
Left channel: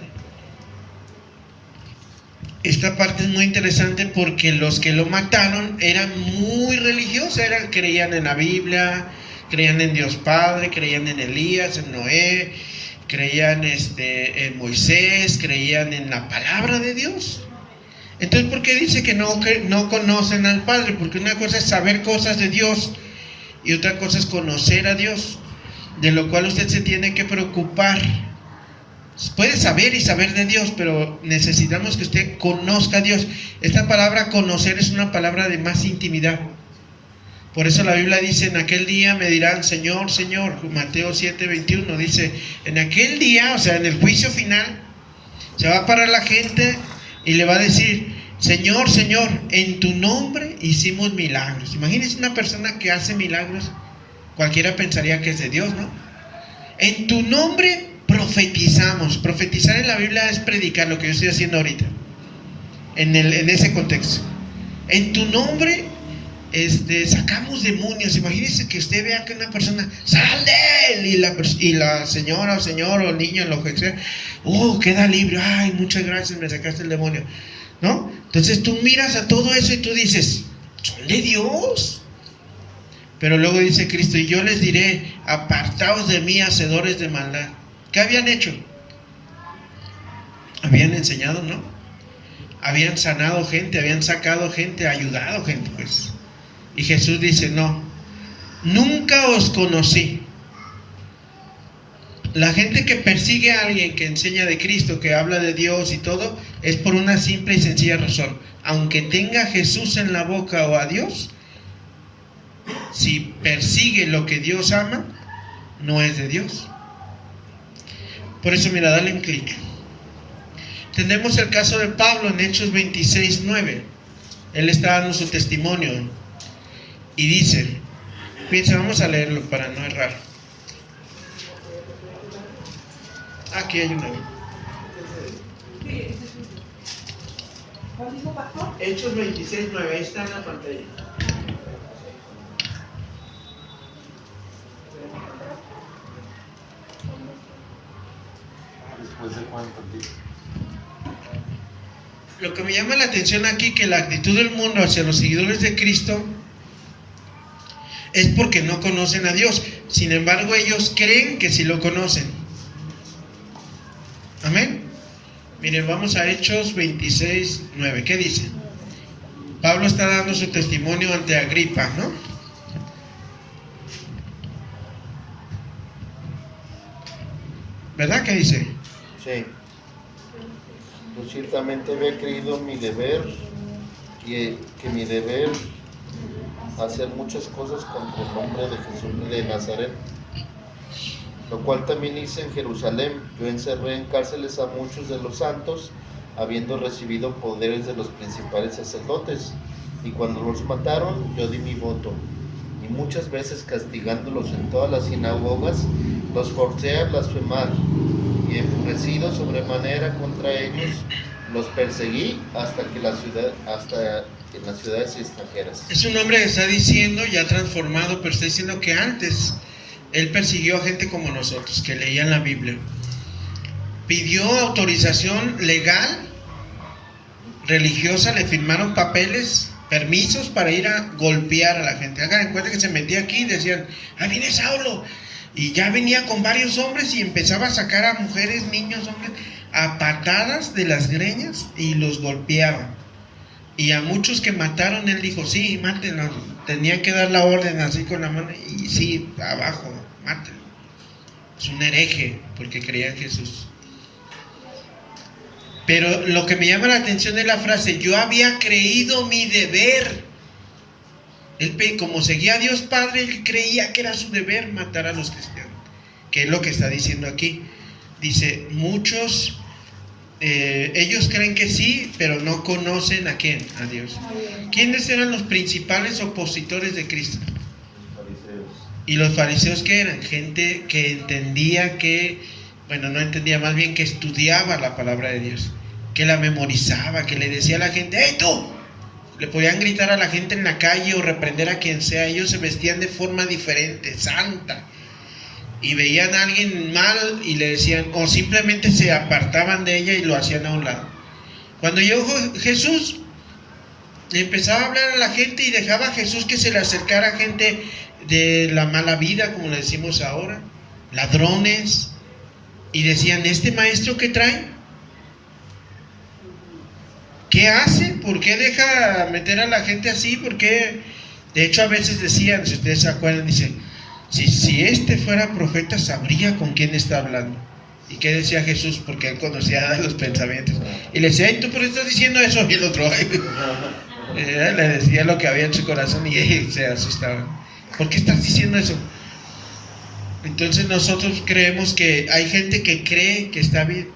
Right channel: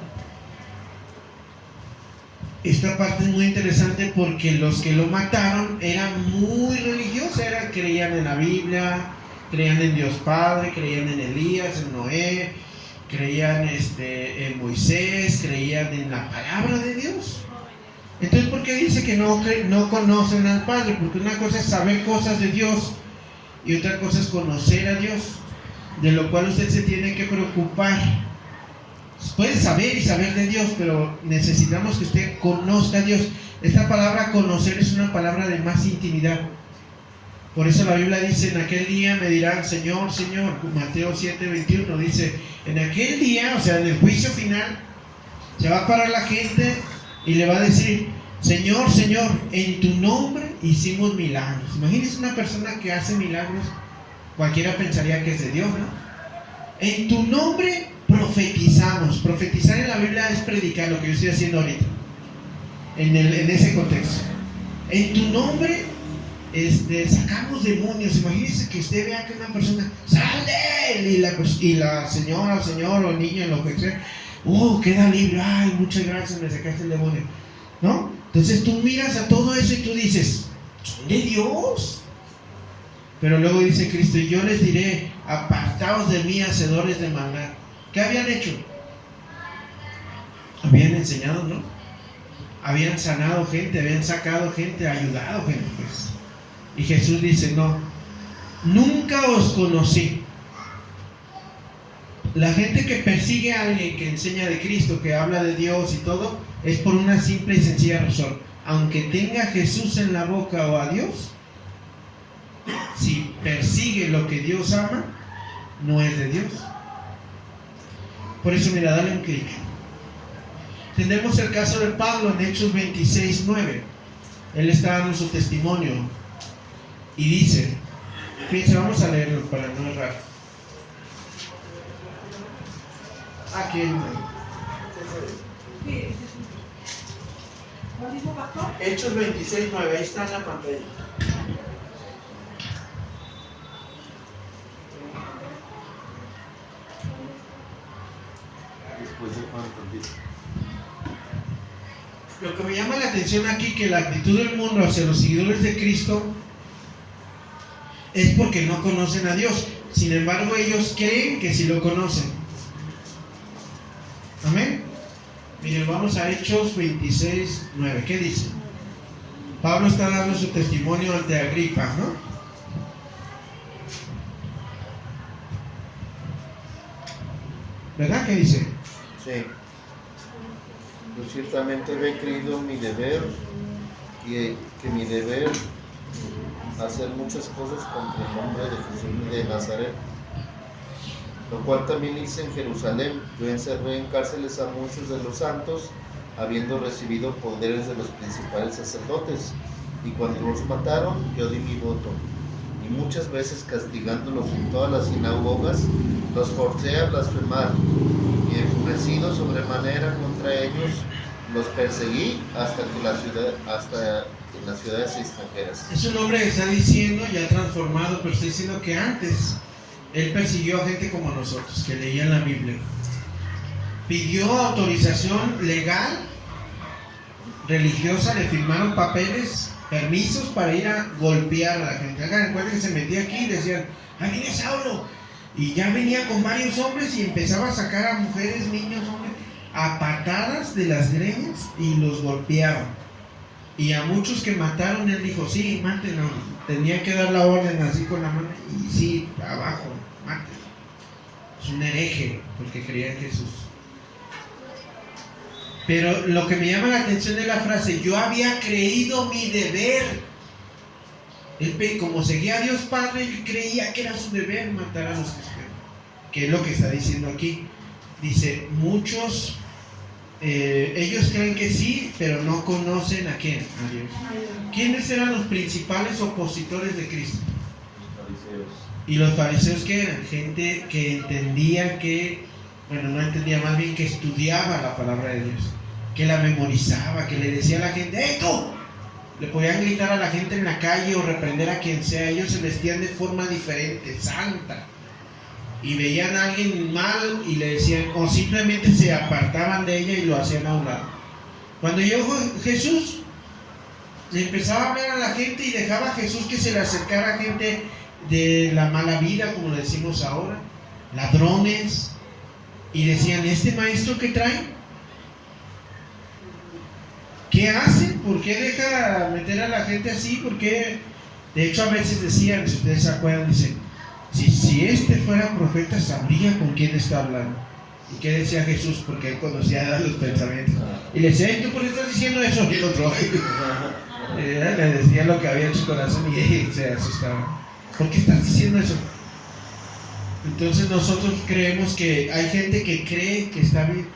Esta parte es muy interesante porque los que lo mataron eran muy religiosos, creían en la Biblia, creían en Dios Padre, creían en Elías, en Noé, creían en Moisés, creían en la palabra de Dios. Entonces, ¿por qué dice que no conocen al Padre? Porque una cosa es saber cosas de Dios y otra cosa es conocer a Dios, de lo cual usted se tiene que preocupar. Puede saber y saber de Dios, pero necesitamos que usted conozca a Dios. Esta palabra conocer es una palabra de más intimidad. Por eso la Biblia dice, en aquel día me dirán, Señor, Señor. Mateo 7:21 dice, en aquel día, o sea, en el juicio final, se va a parar la gente y le va a decir, Señor, Señor, en tu nombre hicimos milagros. Imagínense una persona que hace milagros, cualquiera pensaría que es de Dios, ¿no? En tu nombre profetizamos. Profetizar en la Biblia es predicar, lo que yo estoy haciendo ahorita, en ese contexto. En tu nombre sacamos demonios. Imagínense que usted vea que una persona, ¡sal de él! Y la señora o señor o niño, lo que sea, queda libre. Ay, muchas gracias, me sacaste el demonio, ¿no? Entonces tú miras a todo eso y tú dices, ¿son de Dios? Pero luego dice Cristo, y yo les diré, apartaos de mí, hacedores de maldad. ¿Qué habían hecho? Habían enseñado, ¿no? Habían sanado gente, habían sacado gente, ayudado gente, pues. Y Jesús dice, no, nunca os conocí. La gente que persigue a alguien que enseña de Cristo, que habla de Dios y todo, es por una simple y sencilla razón. Aunque tenga a Jesús en la boca o a Dios, si persigue lo que Dios ama, no es de Dios. Por eso, mira, dale un clic. Tenemos el caso de Pablo en Hechos 26:9. Él está dando su testimonio y dice, fíjense, vamos a leerlo para no errar. Aquí hay una. Hechos 26:9, ahí está en la pantalla. ¿Después de cuánto tiempo? Lo que me llama la atención aquí, que la actitud del mundo hacia los seguidores de Cristo es porque no conocen a Dios. Sin embargo, ellos creen que sí lo conocen. Amén. Miren, vamos a Hechos 26:9. ¿Qué dice? Pablo está dando su testimonio ante Agripa, ¿no? ¿Verdad? ¿Qué dice? Sí. Yo ciertamente he creído mi deber, que mi deber hacer muchas cosas contra el nombre de Jesús de Nazaret, lo cual también hice en Jerusalén. Yo encerré en cárceles a muchos de los santos, habiendo recibido poderes de los principales sacerdotes, y cuando los mataron, yo di mi voto, y muchas veces castigándolos en todas las sinagogas, los forcé a blasfemar, y enfurecido sobremanera contra ellos, los perseguí hasta en las ciudades extranjeras. Es un hombre que está diciendo, ya transformado, pero está diciendo que antes él persiguió a gente como nosotros, que leían la Biblia. Pidió autorización legal, religiosa, le firmaron papeles, permisos para ir a golpear a la gente. Hagan en cuenta que se metía aquí y decían, ahí viene Saulo. Y ya venía con varios hombres y empezaba a sacar a mujeres, niños, hombres, a patadas de las greñas y los golpeaba. Y a muchos que mataron, él dijo, sí, mátenlo. Tenía que dar la orden así con la mano y sí, abajo, mátenlo. Es un hereje porque creía en Jesús. Pero lo que me llama la atención es la frase, yo había creído mi deber. Él, como seguía a Dios Padre, él creía que era su deber matar a los cristianos, que es lo que está diciendo aquí. dice, muchos, ellos creen que sí, pero no conocen ¿a quién? A Dios. ¿Quiénes eran los principales opositores de Cristo? Y los fariseos, ¿qué eran? Gente que entendía no entendía, más bien que estudiaba la palabra de Dios, que la memorizaba, que le decía a la gente, ¡hey tú! Le podían gritar a la gente en la calle o reprender a quien sea. Ellos se vestían de forma diferente, santa, y veían a alguien mal y le decían, o simplemente se apartaban de ella y lo hacían a un lado. Cuando llegó Jesús, le empezaba a hablar a la gente y dejaba a Jesús que se le acercara a gente de la mala vida, como le decimos ahora, ladrones, y decían, ¿este maestro qué trae? ¿Qué hace? ¿Por qué deja meter a la gente así? ¿Por qué? De hecho, a veces decían, si ustedes se acuerdan, dicen, si este fuera profeta, sabría con quién está hablando. ¿Y qué decía Jesús? Porque él conocía los pensamientos. Y le decía, ¿tú por qué estás diciendo eso? Y el otro, le decía lo que había en su corazón y se asustaba. ¿Por qué estás diciendo eso? Entonces nosotros creemos que hay gente que cree que está bien.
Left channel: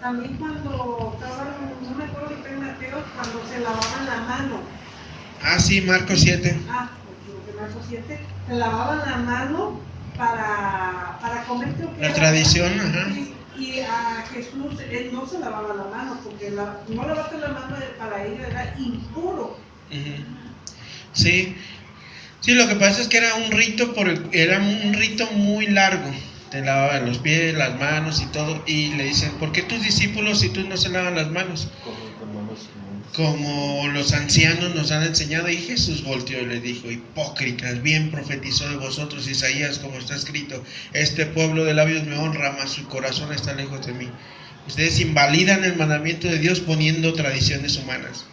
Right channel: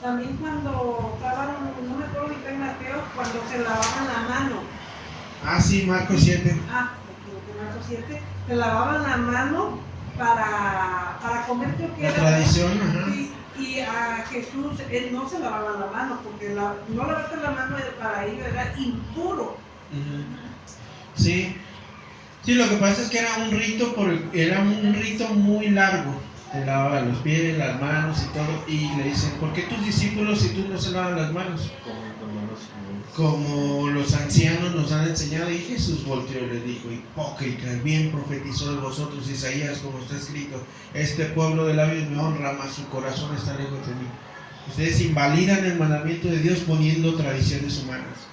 También cuando estaban, no me acuerdo si fue Mateo, cuando se lavaban la mano. Ah, sí, Marcos 7. Marcos 7, se lavaban la mano para comer, creo que la era, tradición, ajá. Y a Jesús, él no se lavaba la mano, porque no lavarte la mano para él era impuro. Sí. Sí, lo que pasa es que era un rito muy largo. Te lavaban los pies, las manos y todo. Y le dicen, ¿por qué tus discípulos si tú no se lavan las manos? Como los ancianos nos han enseñado. Y Jesús volteó y le dijo, hipócritas, bien profetizó de vosotros Isaías, como está escrito, este pueblo de labios me honra, mas su corazón está lejos de mí. Ustedes invalidan el mandamiento de Dios poniendo tradiciones humanas.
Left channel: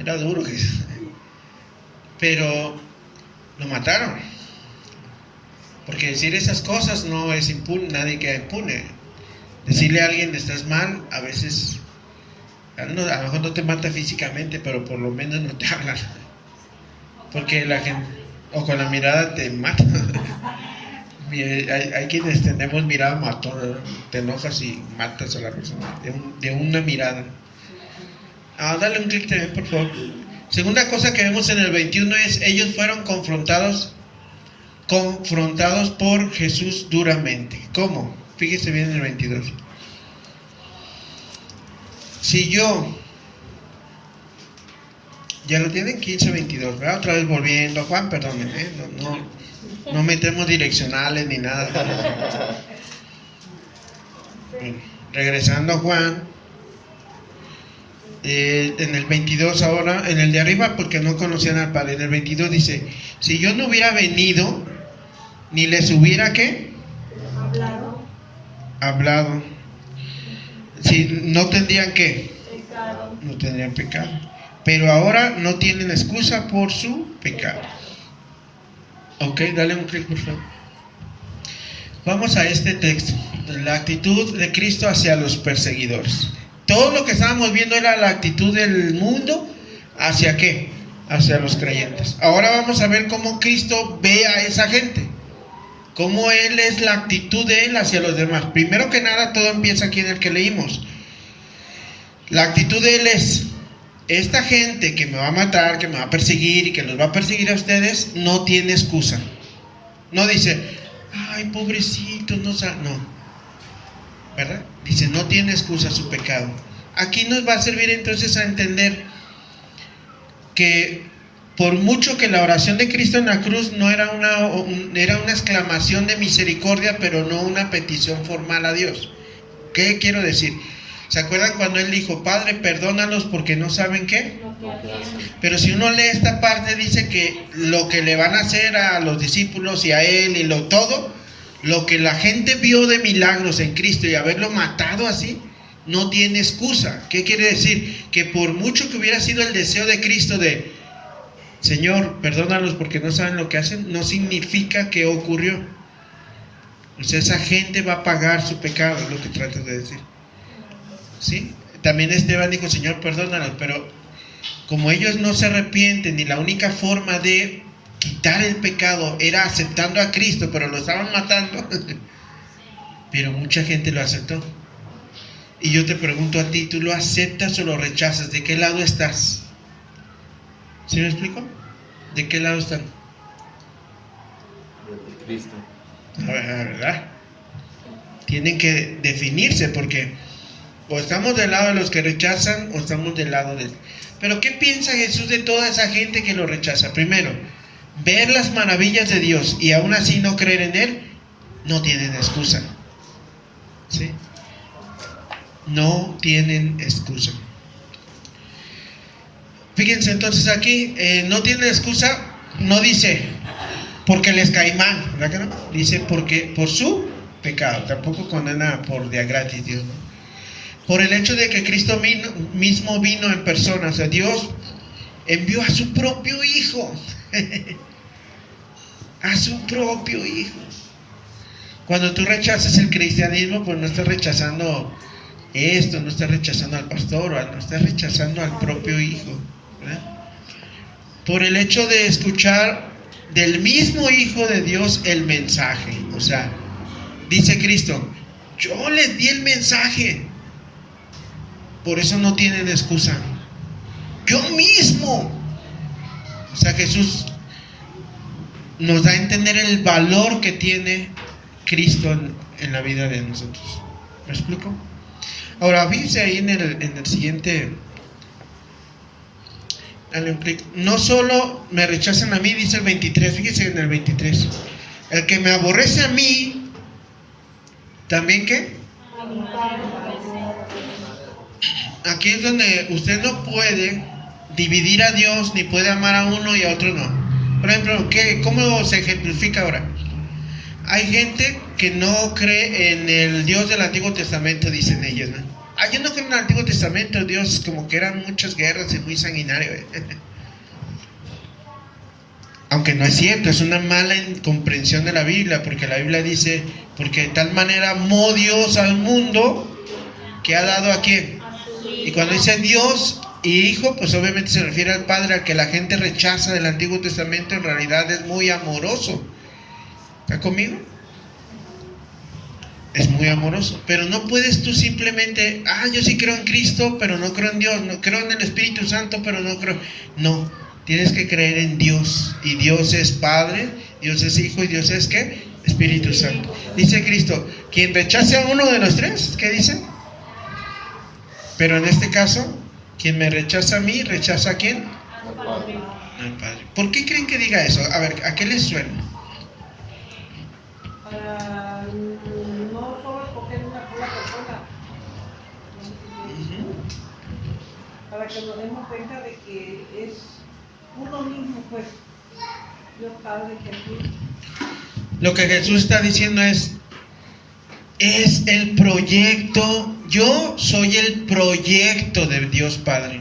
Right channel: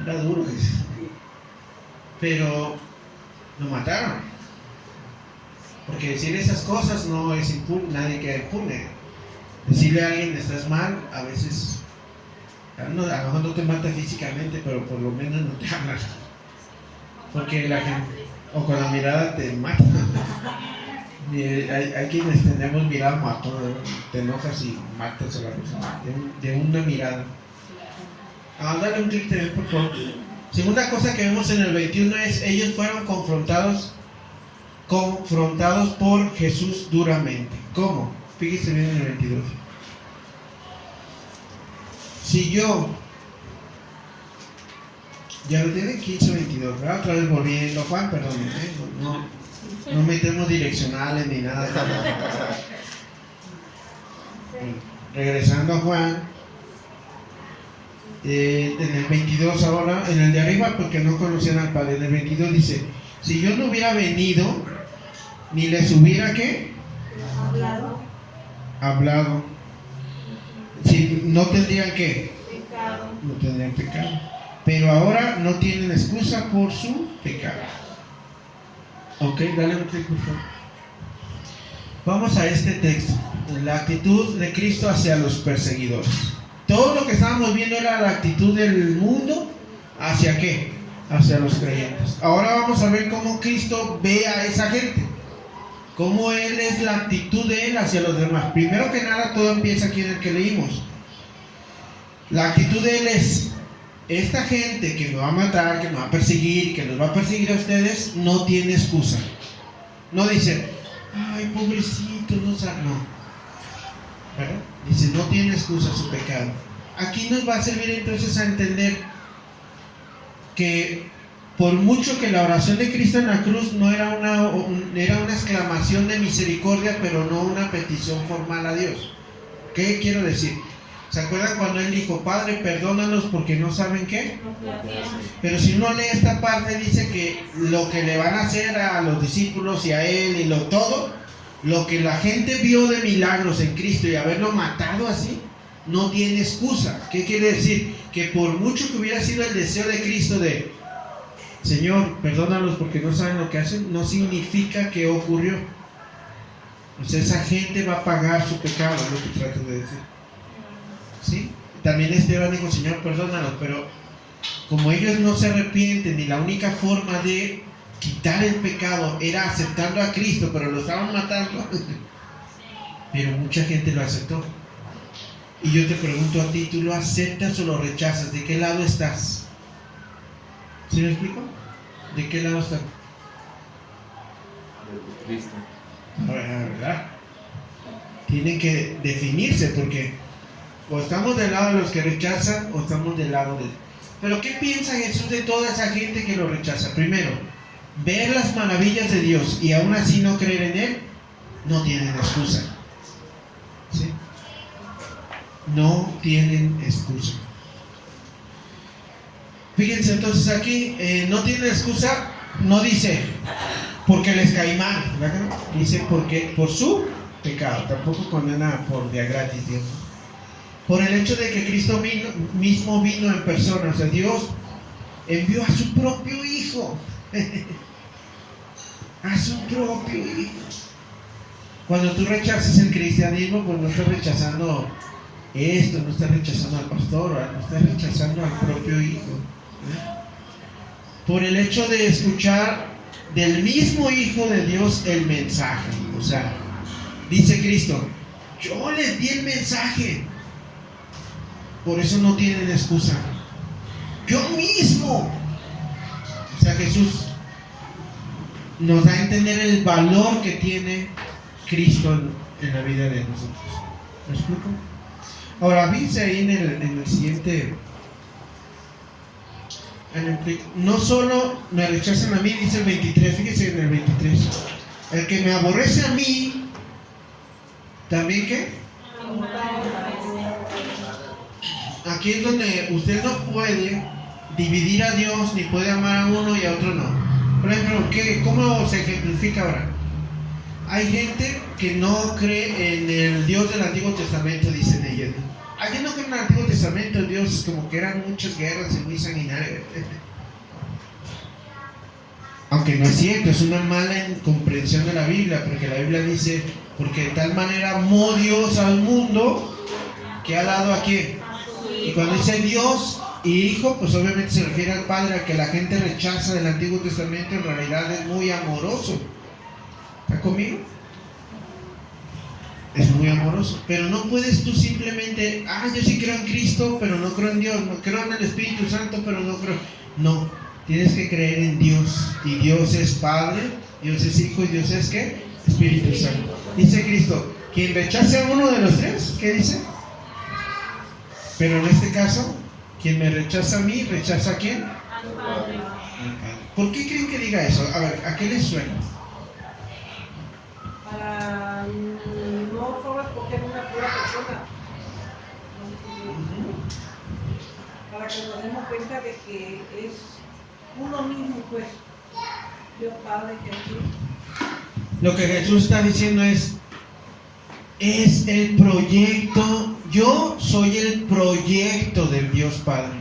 Era duro Jesús. Pero lo mataron, porque decir esas cosas no es impune, nadie queda impune. Decirle a alguien estás mal, a veces a lo mejor no te mata físicamente, pero por lo menos no te hablan, porque la gente, o con la mirada te mata. Hay quienes tenemos mirada matona, ¿no? Te enojas y matas a la persona de una mirada. Dale un clic también, por favor. Segunda cosa que vemos en el 21 es, ellos fueron confrontados por Jesús duramente. ¿Cómo? Fíjese bien en el 22. Si yo, ya lo tienen 15-22, ¿verdad? Otra vez volviendo, Juan, perdón, no metemos direccionales ni nada. Regresando a Juan. En el 22 ahora, en el de arriba, porque no conocían al Padre. En el 22 dice, si yo no hubiera venido, ni les hubiera ¿qué? Hablado. Si no tendrían ¿qué? Pecado. No tendrían pecado. Pero ahora no tienen excusa por su pecado. Ok, dale un clic por favor. Vamos a este texto. La actitud de Cristo hacia los perseguidores. Todo lo que estábamos viendo era la actitud del mundo hacia ¿qué? Hacia los creyentes. Ahora vamos a ver cómo Cristo ve a esa gente, cómo Él es la actitud de Él hacia los demás. Primero que nada, todo empieza aquí en el que leímos. La actitud de Él es, esta gente que me va a matar, que me va a perseguir y que los va a perseguir a ustedes, no tiene excusa. No dice, ay, pobrecito, no, ¿verdad? Dice, no tiene excusa su pecado. Aquí nos va a servir entonces a entender que por mucho que la oración de Cristo en la cruz no era era una exclamación de misericordia, pero no una petición formal a Dios. ¿Qué quiero decir? ¿Se acuerdan cuando Él dijo, Padre, perdónalos porque no saben qué? Pero si uno lee esta parte, dice que lo que le van a hacer a los discípulos y a Él y lo que la gente vio de milagros en Cristo y haberlo matado así, no tiene excusa. ¿Qué quiere decir? Que por mucho que hubiera sido el deseo de Cristo de Señor, perdónalos porque no saben lo que hacen, no significa que ocurrió. O sea, esa gente va a pagar su pecado, es lo que trato de decir. ¿Sí? También Esteban dijo, Señor, perdónalos, pero como ellos no se arrepienten y la única forma de quitar el pecado era aceptando a Cristo, pero lo estaban matando, pero mucha gente lo aceptó. Y yo te pregunto a ti, ¿tú lo aceptas o lo rechazas? ¿De qué lado estás? ¿Sí me explico? ¿De qué lado están? De Cristo. ¿Verdad? Tienen que definirse, porque o estamos del lado de los que rechazan o estamos del lado de... Pero ¿qué piensa Jesús de toda esa gente que lo rechaza? Primero, ver las maravillas de Dios y aún así no creer en Él, no tienen excusa. ¿Sí? No tienen excusa. Fíjense entonces aquí, no tienen excusa, no dice porque les cae mal, ¿verdad que no? Dice porque por su pecado, tampoco condena por de a gratis Dios, ¿no? Por el hecho de que Cristo mismo vino en persona, o sea, Dios envió a su propio Hijo, a su propio Hijo. Cuando tú rechazas el cristianismo, pues no estás rechazando esto, no estás rechazando al pastor, no estás rechazando al propio Hijo, ¿verdad? Por el hecho de escuchar del mismo Hijo de Dios el mensaje, o sea, dice Cristo, yo les di el mensaje, por eso no tienen excusa. Yo mismo. O sea, Jesús nos da a entender el valor que tiene Cristo en la vida de nosotros. ¿Me explico? Ahora, fíjense ahí en el siguiente. No solo me rechazan a mí, dice el 23. Fíjense en el 23. El que me aborrece a mí, ¿también qué? Aquí es donde usted no puede dividir a Dios, ni puede amar a uno y a otro no. Por ejemplo, ¿cómo se ejemplifica ahora? Hay gente que no cree en el Dios del Antiguo Testamento, dicen ellos, ¿no? Yo no creo en el Antiguo Testamento, Dios como que eran muchas guerras y muy sanguinario. Aunque no es cierto, es una mala comprensión de la Biblia, porque la Biblia dice, porque de tal manera amó Dios al mundo, que ha dado a quién. Y cuando dice Dios y Hijo, pues obviamente se refiere al Padre, al que la gente rechaza del Antiguo Testamento, en realidad es muy amoroso. ¿Está conmigo? Es muy amoroso. Pero no puedes tú simplemente, yo sí creo en Cristo, pero no creo en Dios, no creo en el Espíritu Santo, pero no creo. No, tienes que creer en Dios. Y Dios es Padre, Dios es Hijo y Dios es ¿qué? Espíritu Santo. Dice Cristo, quien rechace a uno de los tres, ¿qué dice? Pero en este caso, quien me rechaza a mí, ¿rechaza a quién? Al Padre. Al Padre. ¿Por qué creen que diga eso? A ver, ¿a qué les suena? Para no solo escoger una sola persona, para que nos demos cuenta de que es uno mismo, pues, Dios Padre, Jesús. Lo que Jesús está diciendo es el proyecto. Yo soy el proyecto de Dios Padre.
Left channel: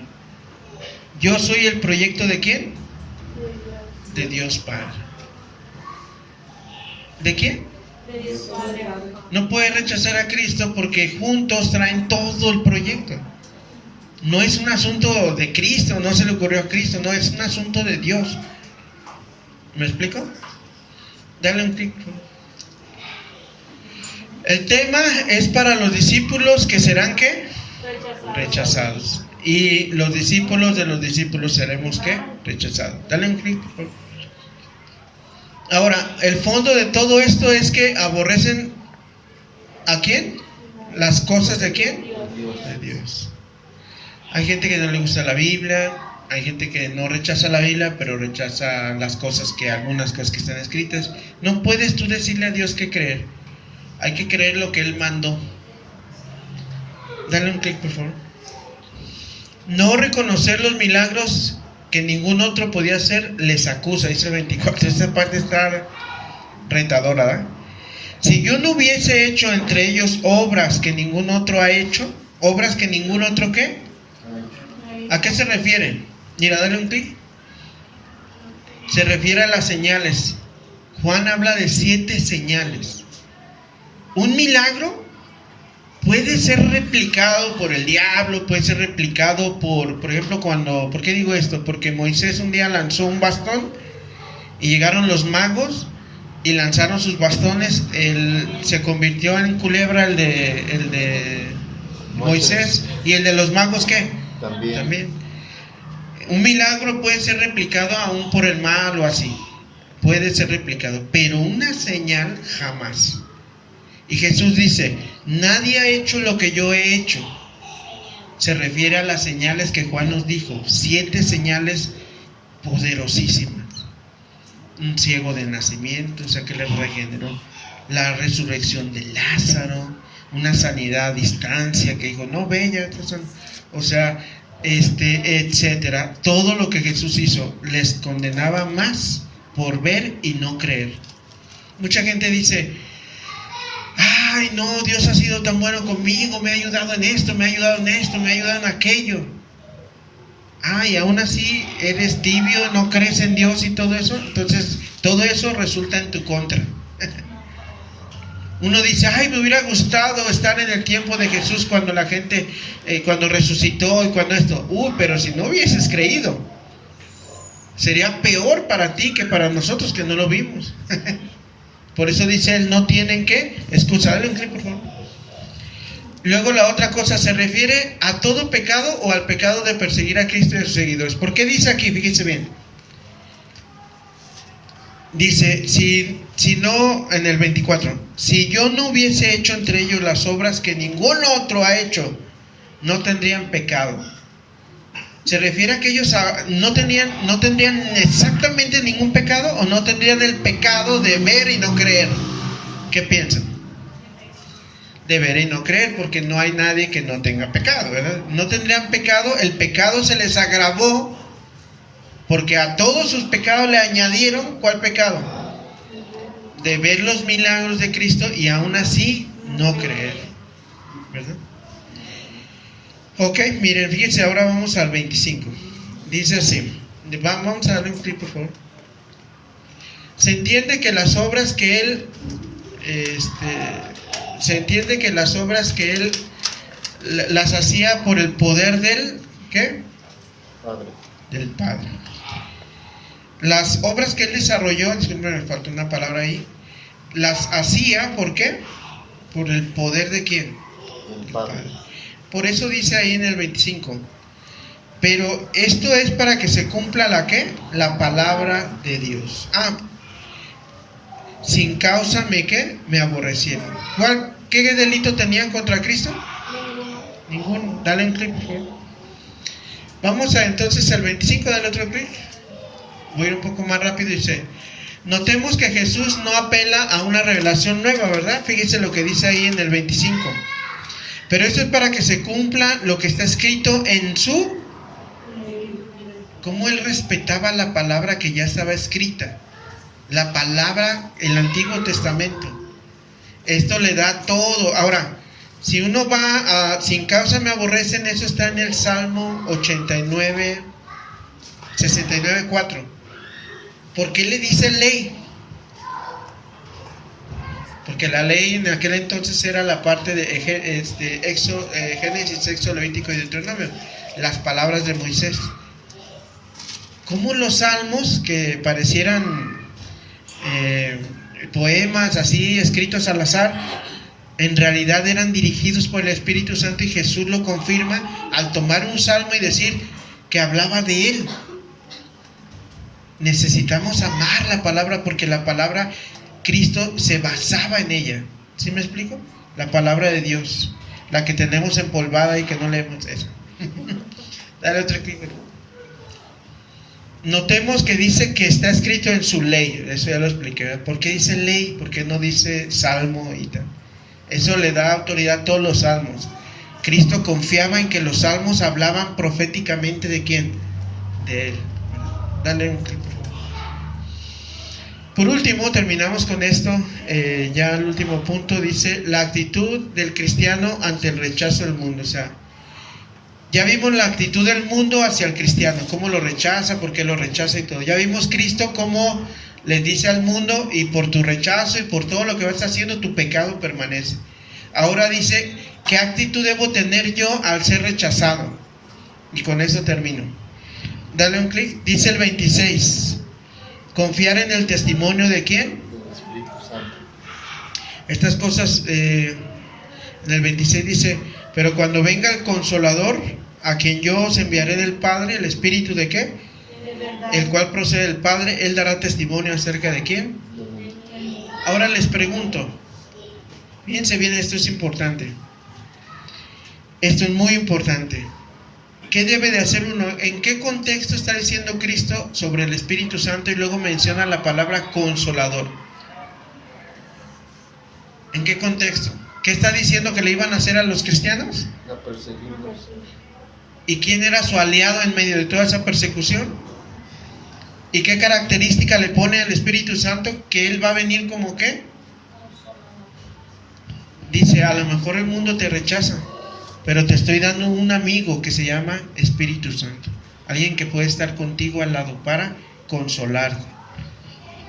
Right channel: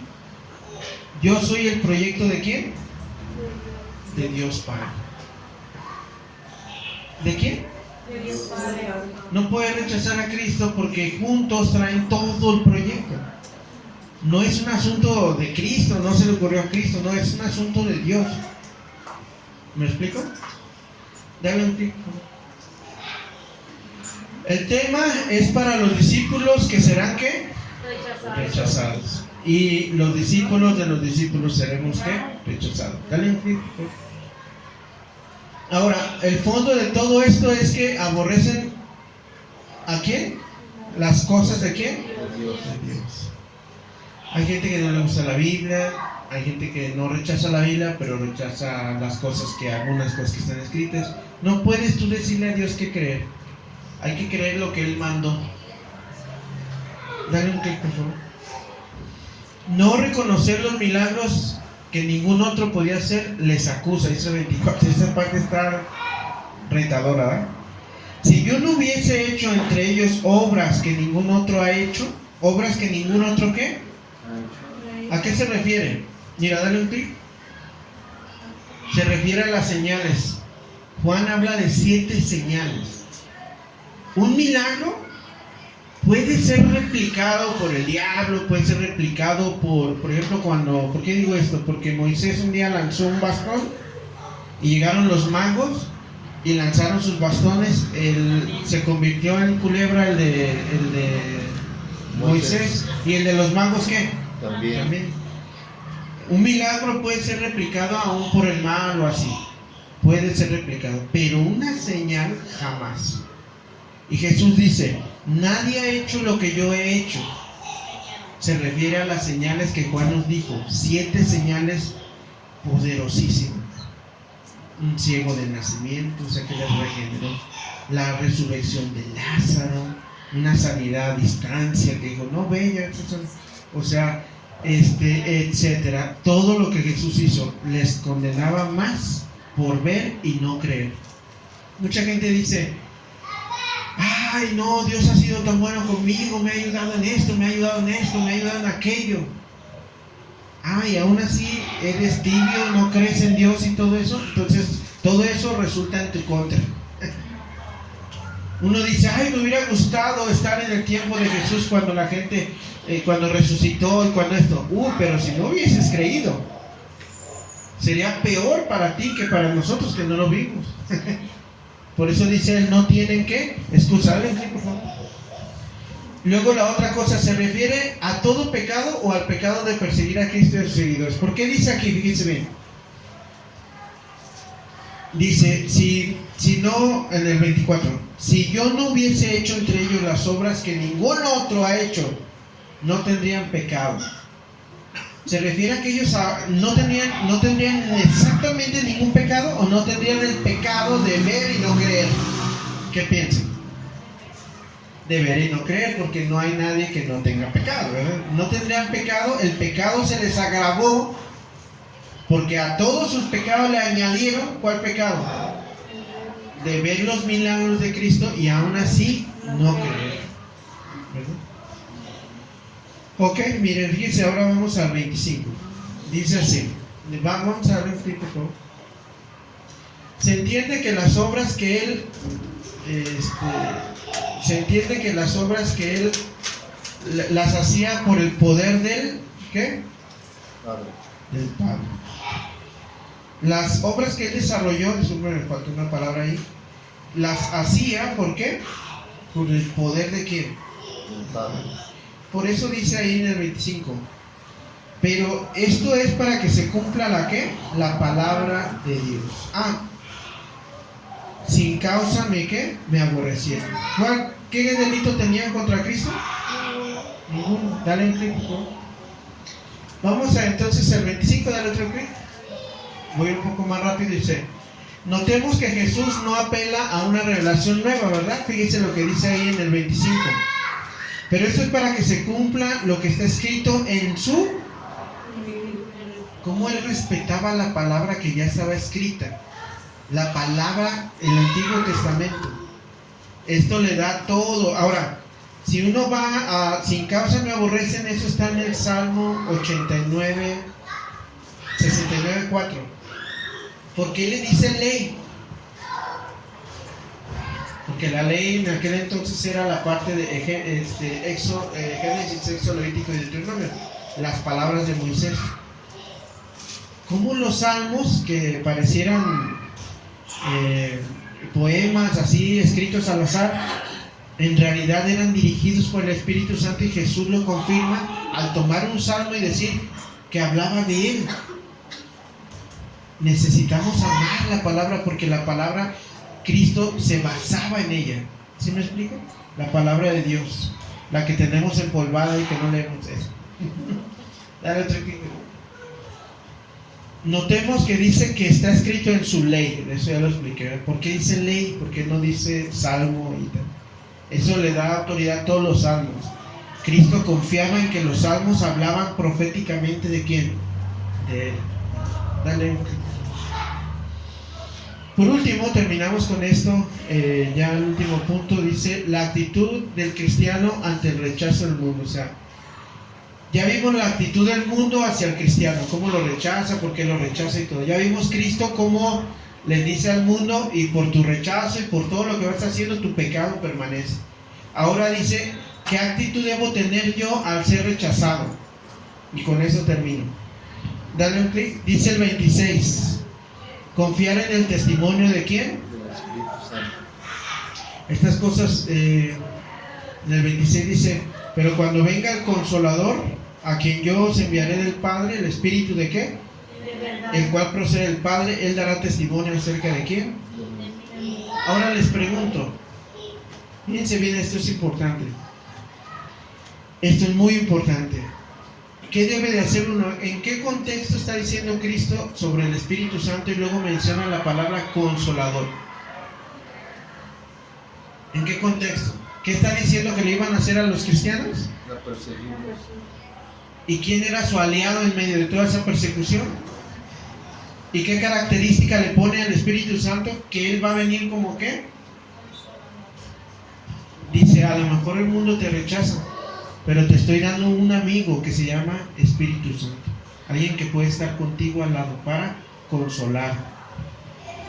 Yo soy el proyecto ¿de quién? De Dios Padre. ¿De quién? De Dios Padre. No puede rechazar a Cristo porque juntos traen todo el proyecto. No es un asunto de Cristo, no se le ocurrió a Cristo, no, es un asunto de Dios. ¿Me explico? Dale un clic. El tema es para los discípulos que serán ¿qué? Rechazados. Y los discípulos de los discípulos seremos ¿qué? Rechazados. Dale un clic. Ahora, el fondo de todo esto es que aborrecen ¿a quién? Las cosas de quién? De Dios. Hay gente que no le gusta la Biblia, hay gente que no rechaza la Biblia, pero rechaza las cosas algunas cosas que están escritas. No puedes tú decirle a Dios qué creer. Hay que creer lo que Él mandó. Dale un clic, por favor. No reconocer los milagros que ningún otro podía hacer les acusa, dice 24. Esa parte está retadora, ¿verdad? Si yo no hubiese hecho entre ellos obras que ningún otro ha hecho, obras que ningún otro ¿qué? ¿A qué se refiere? Mira, dale un clic. Se refiere a las señales. Juan habla de 7 señales. Un milagro puede ser replicado por el diablo, puede ser replicado por ejemplo, ¿por qué digo esto? Porque Moisés un día lanzó un bastón y llegaron los magos y lanzaron sus bastones. Se convirtió en culebra el de Moisés. ¿Y el de los magos qué? También. Un milagro puede ser replicado aún por el mal o así. Puede ser replicado, pero una señal jamás. Y Jesús dice, nadie ha hecho lo que yo he hecho. Se refiere a las señales que Juan nos dijo, 7 señales poderosísimas. Un ciego de nacimiento, o sea que le regeneró. La resurrección de Lázaro, una sanidad a distancia que dijo, no, ve ya, o sea, etcétera. Todo lo que Jesús hizo les condenaba más por ver y no creer. Mucha gente dice, ay no, Dios ha sido tan bueno conmigo, me ha ayudado en esto, me ha ayudado en esto, me ha ayudado en aquello. Ay, aún así eres tibio, no crees en Dios y todo eso. Entonces todo eso resulta en tu contra. Uno dice, ay, me hubiera gustado estar en el tiempo de Jesús cuando la gente, cuando resucitó y cuando esto. Pero si no hubieses creído, sería peor para ti que para nosotros que no lo vimos. Por eso dice él, no tienen que excusar. Dale un clic, por favor. Luego la otra cosa, se refiere a todo pecado o al pecado de perseguir a Cristo y a sus seguidores. ¿Por qué dice aquí? Fíjense bien. Dice, si no, en el 24, si yo no hubiese hecho entre ellos las obras que ningún otro ha hecho, no tendrían pecado. ¿Se refiere a que ellos no tendrían exactamente ningún pecado o no tendrían el pecado de ver y no creer? ¿Qué piensan? De ver y no creer, porque no hay nadie que no tenga pecado, ¿verdad? No tendrían pecado, el pecado se les agravó porque a todos sus pecados le añadieron, ¿cuál pecado? De ver los milagros de Cristo y aún así no creer, ¿verdad? Ok, miren, fíjense, ahora vamos al 25. Dice así, vamos a darle un clic, por favor. Se entiende que las obras que él las hacía por el poder del ¿qué? Padre. Del Padre. Las obras que él desarrolló, siempre me falta una palabra ahí, las hacía, ¿por qué? Por el poder de ¿quién? Del Padre. Por eso dice ahí en el 25, pero esto es para que se cumpla la ¿qué? La palabra de Dios. Sin causa me aborrecieron. ¿Qué delito tenían contra Cristo? Ninguno. Dale un clic, por favor. Vamos a entonces el 25, dale otro clic. Voy a ir un poco más rápido. Dice, notemos que Jesús no apela a una revelación nueva, ¿verdad? Fíjense lo que dice ahí en el 25. Pero esto es para que se cumpla lo que está escrito en su... Cómo él respetaba la palabra que ya estaba escrita. La palabra, el Antiguo Testamento. Esto le da todo. Ahora, si uno va a sin causa me aborrecen, eso está en el Salmo 89, 69:4. ¿Por qué le dice ley? Porque la ley en aquel entonces era la parte de Génesis, Éxodo, Levítico y Deuteronomio, las palabras de Moisés. ¿Cómo los salmos, que parecieran poemas así escritos al azar, en realidad eran dirigidos por el Espíritu Santo? Y Jesús lo confirma al tomar un salmo y decir que hablaba de él. Necesitamos amar la palabra, porque la palabra, Cristo se basaba en ella. ¿Sí me explico? La palabra de Dios, la que tenemos empolvada y que no leemos eso. Dale otro clic. Notemos que dice que está escrito en su ley. Eso ya lo expliqué. ¿Por qué dice ley? ¿Por qué no dice salmo y tal? Eso le da autoridad a todos los salmos. Cristo confiaba en que los salmos hablaban proféticamente ¿de quién? De él. Dale un clic. Por último, terminamos con esto, ya el último punto, dice la actitud del cristiano ante el rechazo del mundo. O sea, ya vimos la actitud del mundo hacia el cristiano, cómo lo rechaza, por qué lo rechaza y todo. Ya vimos Cristo cómo le dice al mundo, y por tu rechazo y por todo lo que vas haciendo, tu pecado permanece. Ahora dice, ¿qué actitud debo tener yo al ser rechazado? Y con eso termino. Dale un clic. Dice el 26, confiar en el testimonio de ¿quién? Estas cosas, en el 26 dice, pero cuando venga el Consolador, a quien yo os enviaré del Padre, el Espíritu ¿de qué? El cual procede del Padre, Él dará testimonio acerca de quién. Ahora les pregunto, fíjense bien, esto es importante. Esto es muy importante. ¿Qué debe de hacer uno? ¿En qué contexto está diciendo Cristo sobre el Espíritu Santo y luego menciona la palabra Consolador? ¿En qué contexto? ¿Qué está diciendo que le iban a hacer a los cristianos? La perseguimos. ¿Y quién era su aliado en medio de toda esa persecución? ¿Y qué característica le pone al Espíritu Santo? Que Él va a venir como ¿qué? Dice, a lo mejor el mundo te rechaza, pero te estoy dando un amigo que se llama Espíritu Santo. Alguien que puede estar contigo al lado para consolarte.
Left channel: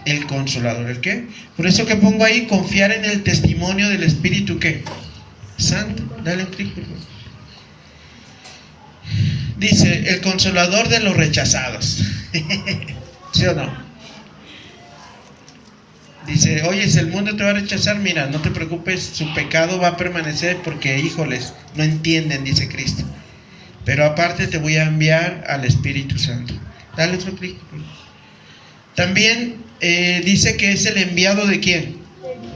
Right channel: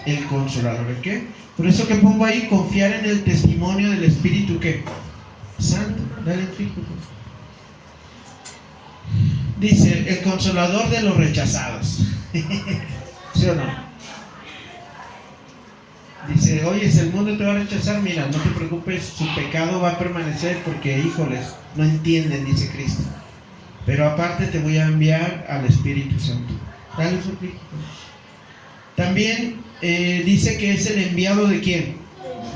El Consolador, ¿el qué? Por eso que pongo ahí, confiar en el testimonio del Espíritu ¿qué? Santo. Dale un clic. Dice, el Consolador de los rechazados. ¿Sí o no? Dice, oye, si el mundo te va a rechazar, mira, no te preocupes, su pecado va a permanecer porque, híjoles, no entienden, dice Cristo. Pero aparte te voy a enviar al Espíritu Santo. Dale otro clic. También dice que es el enviado ¿de quién?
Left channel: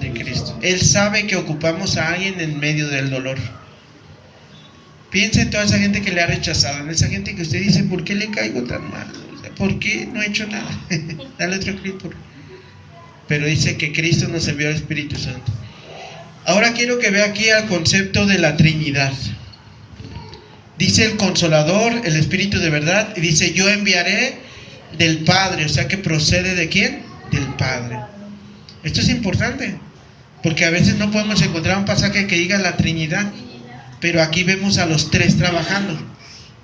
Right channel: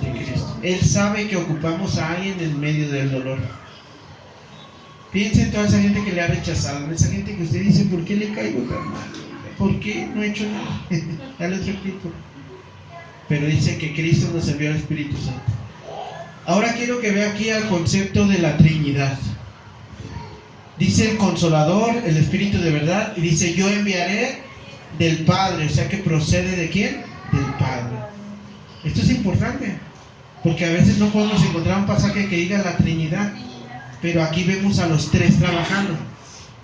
De Cristo. Él sabe que ocupamos a alguien en medio del dolor. Piensa en toda esa gente que le ha rechazado, en esa gente que usted dice, ¿por qué le caigo tan mal? ¿Por qué no he hecho nada? Dale otro clic. Pero dice que Cristo nos envió al Espíritu Santo. Ahora quiero que vea aquí al concepto de la Trinidad. Dice el Consolador, el Espíritu de verdad, y dice, yo enviaré del Padre, o sea que procede ¿de quién? Del Padre. Esto es importante, porque a veces no podemos encontrar un pasaje que diga la Trinidad, pero aquí vemos a los tres trabajando.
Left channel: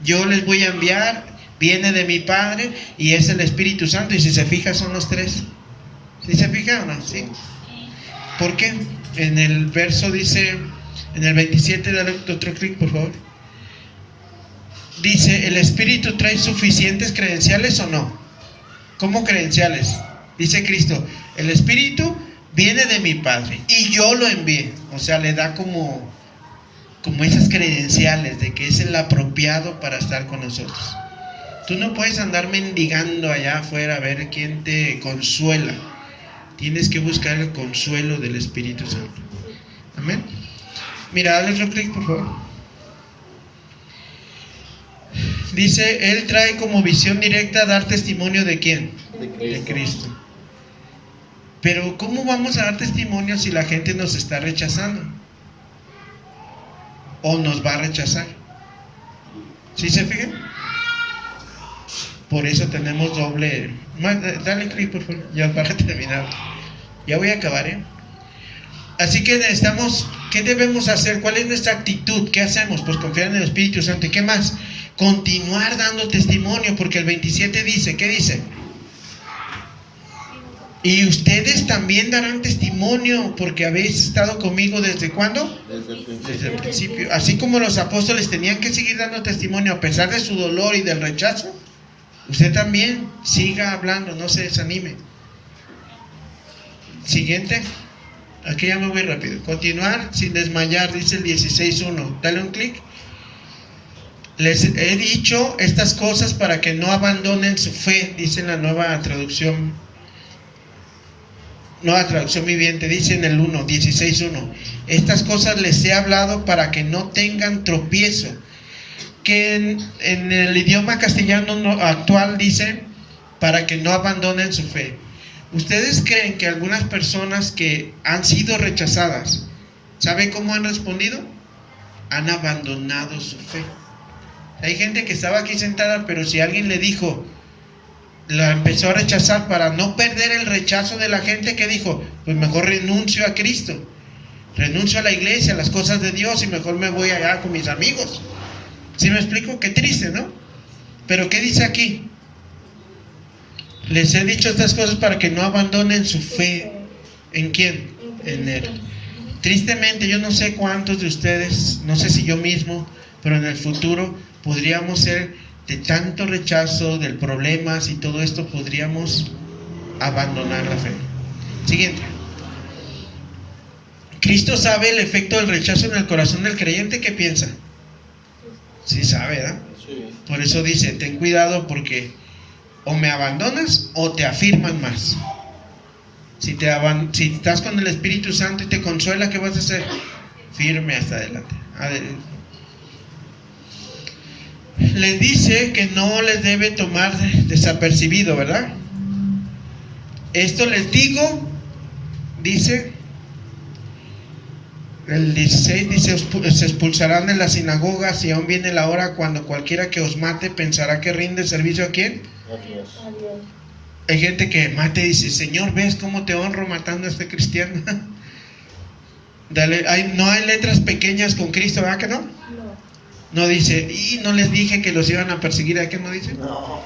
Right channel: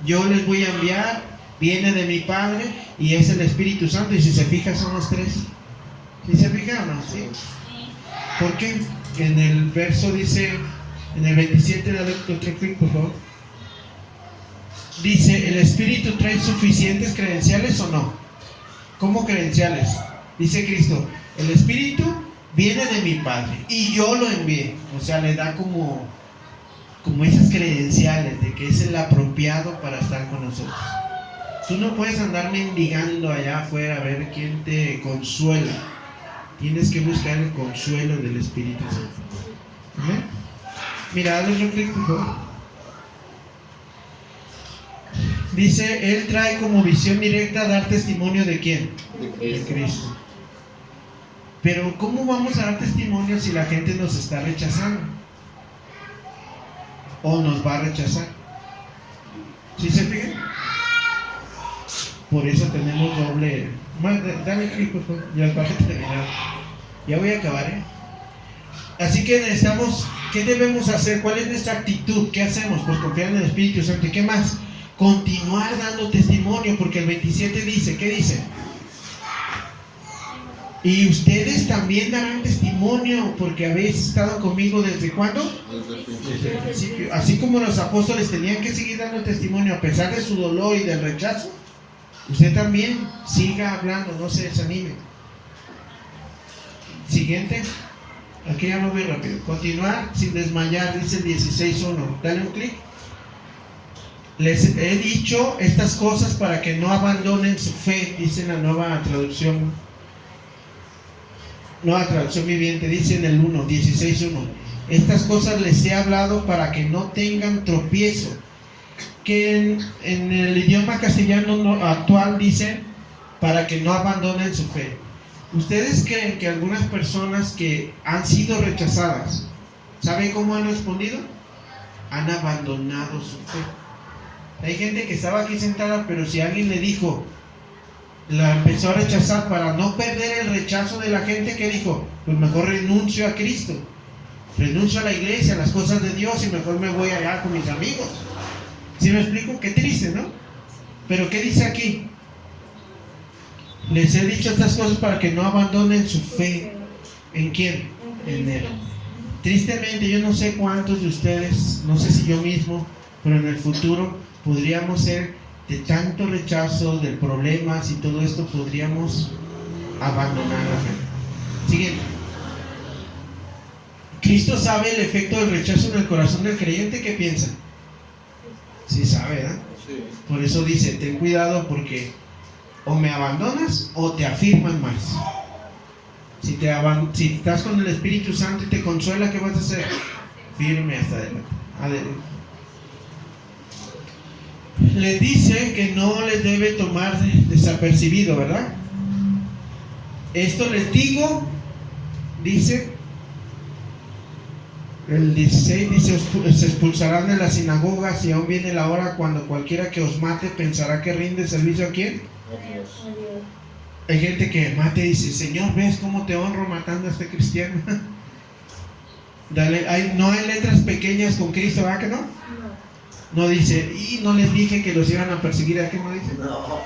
Yo les voy a enviar, viene de mi Padre y es el Espíritu Santo, y si se fija son los tres. ¿Sí se fija o no? ¿Sí? ¿Por qué? En el verso dice, en el 27, dale otro clic por favor. Dice, ¿el Espíritu trae suficientes credenciales o no? ¿Cómo credenciales? Dice Cristo, el Espíritu viene de mi Padre y yo lo envié. O sea, le da como esas credenciales de que es el apropiado para estar con nosotros. Tú no puedes andar mendigando allá afuera a ver quién te consuela. Tienes que buscar el consuelo del Espíritu Santo. Amén. Mira, dale otro clic por favor. Dice, Él trae como visión directa dar testimonio ¿de quién? De Cristo. Pero ¿cómo vamos a dar testimonio si la gente nos está rechazando? ¿O nos va a rechazar? ¿Sí se fijan? Por eso tenemos doble. Dale clic por favor, ya para terminar. Ya voy a acabar, Así que necesitamos, ¿qué debemos hacer? ¿Cuál es nuestra actitud? ¿Qué hacemos? Pues confiar en el Espíritu Santo. ¿Y qué más? Continuar dando testimonio, porque el 27 dice, ¿qué dice? Y ustedes también darán testimonio, porque habéis estado conmigo ¿desde cuándo? Desde el principio. Así como los apóstoles tenían que seguir dando testimonio a pesar de su dolor y del rechazo, usted también siga hablando, no se desanime. Siguiente. Aquí ya me voy rápido. Continuar sin desmayar, dice el 16.1. Dale un clic. Les he dicho estas cosas para que no abandonen su fe, dice la nueva traducción viviente, dice en el 16.1. Estas cosas les he hablado para que no tengan tropiezo. Que en el idioma castellano actual dice para que no abandonen su fe. ¿Ustedes creen que algunas personas que han sido rechazadas, ¿saben cómo han respondido? Han abandonado su fe. Hay gente que estaba aquí sentada, pero si alguien le dijo, la empezó a rechazar para no perder el rechazo de la gente, ¿qué dijo? Pues mejor renuncio a Cristo, renuncio a la iglesia, a las cosas de Dios y mejor me voy allá con mis amigos. ¿Sí me explico? Qué triste, ¿no? Pero ¿qué dice aquí? Les he dicho estas cosas para que no abandonen su fe. ¿En quién? En Él. Tristemente, yo no sé cuántos de ustedes, no sé si yo mismo, pero en el futuro podríamos ser de tanto rechazo, del problemas y todo esto, podríamos abandonar la fe. Siguiente. Cristo sabe el efecto del rechazo en el corazón del creyente. ¿Qué piensa? Sí sabe, ¿verdad? Sí. Por eso dice, ten cuidado porque o me abandonas o te afirman más. Si estás con el Espíritu Santo y te consuela, ¿qué vas a hacer? Firme hasta adelante. Les dice que no les debe tomar desapercibido, ¿verdad? Esto les digo, dice el 16, dice, se expulsarán de las sinagogas y aún viene la hora cuando cualquiera que os mate pensará que rinde servicio a ¿quién? Adiós. Hay gente que mate y dice, Señor, ¿ves cómo te honro matando a este cristiano? No hay letras pequeñas con Cristo, ¿verdad que no? No dice, y no les dije que los iban a perseguir, ¿verdad que no dice? No.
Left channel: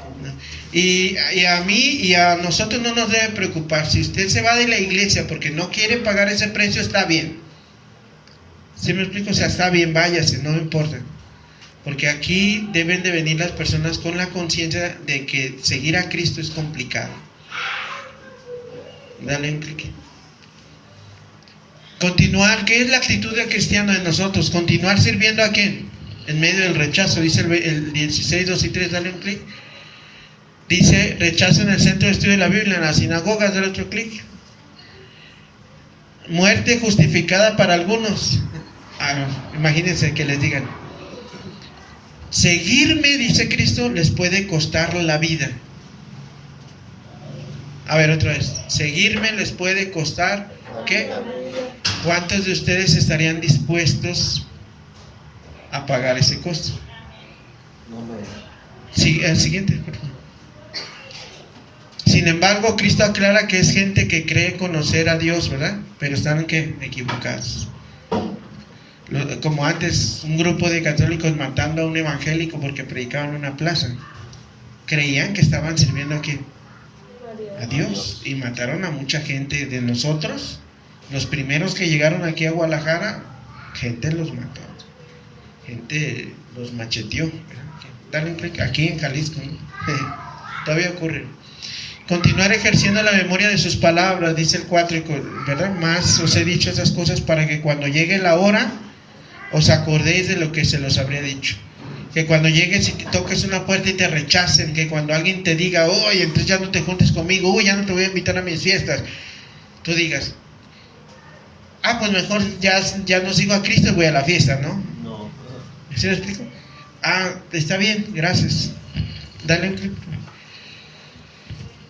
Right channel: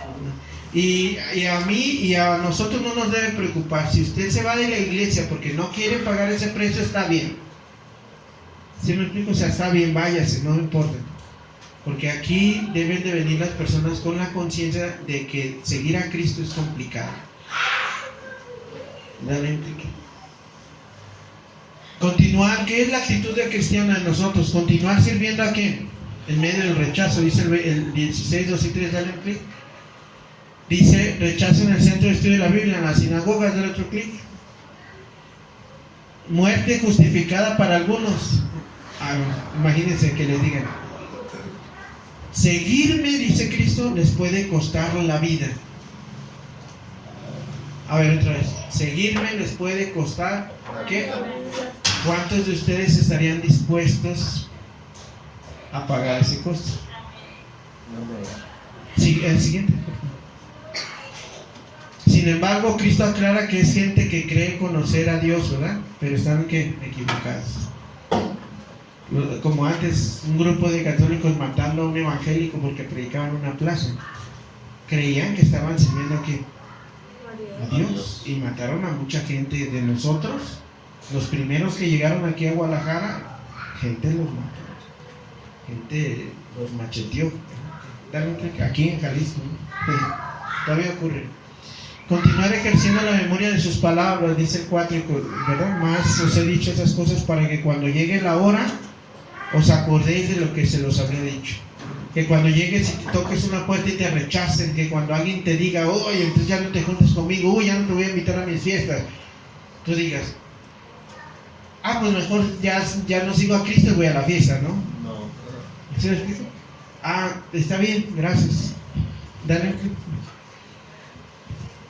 Y a mí y a nosotros no nos debe preocupar. Si usted se va de la iglesia porque no quiere pagar ese precio, está bien. ¿Sí me explico? O sea, está bien, váyase, no me importa. Porque aquí deben de venir las personas con la conciencia de que seguir a Cristo es complicado. Dale un clic. Continuar, ¿qué es la actitud del cristiano de nosotros? Continuar sirviendo a ¿quién? En medio del rechazo, dice el 16, 2 y 3, dale un clic. Dice, rechazo en el centro de estudio de la Biblia, en las sinagogas, dale otro clic. Muerte justificada para algunos. Imagínense que les digan, seguirme, dice Cristo, les puede costar la vida. A ver, otra vez. Seguirme les puede costar, ¿qué? ¿Cuántos de ustedes estarían dispuestos a pagar ese costo? Sí, el siguiente. Sin embargo, Cristo aclara que es gente que cree conocer a Dios, ¿verdad? Pero están ¿qué? Equivocados. Como antes, un grupo de católicos matando a un evangélico porque predicaban en una plaza. Creían que estaban sirviendo a ¿quién? A Dios. Y mataron a mucha gente de nosotros. Los primeros que llegaron aquí a Guadalajara, gente los mató. Gente los macheteó. Aquí en Jalisco, ¿no? Todavía ocurre. Continuar ejerciendo la memoria de sus palabras, dice el 4, ¿verdad? Más os he dicho esas cosas para que cuando llegue la hora os acordéis de lo que se los habré dicho. Que cuando llegues y te toques una puerta y te rechacen, que cuando alguien te diga, oye, entonces ya no te juntes conmigo, uy, ya no te voy a invitar a mis fiestas, tú digas, pues mejor ya no sigo a Cristo y voy a la fiesta, ¿no? No. ¿Sí me explico? Está bien, gracias. Dale un clic.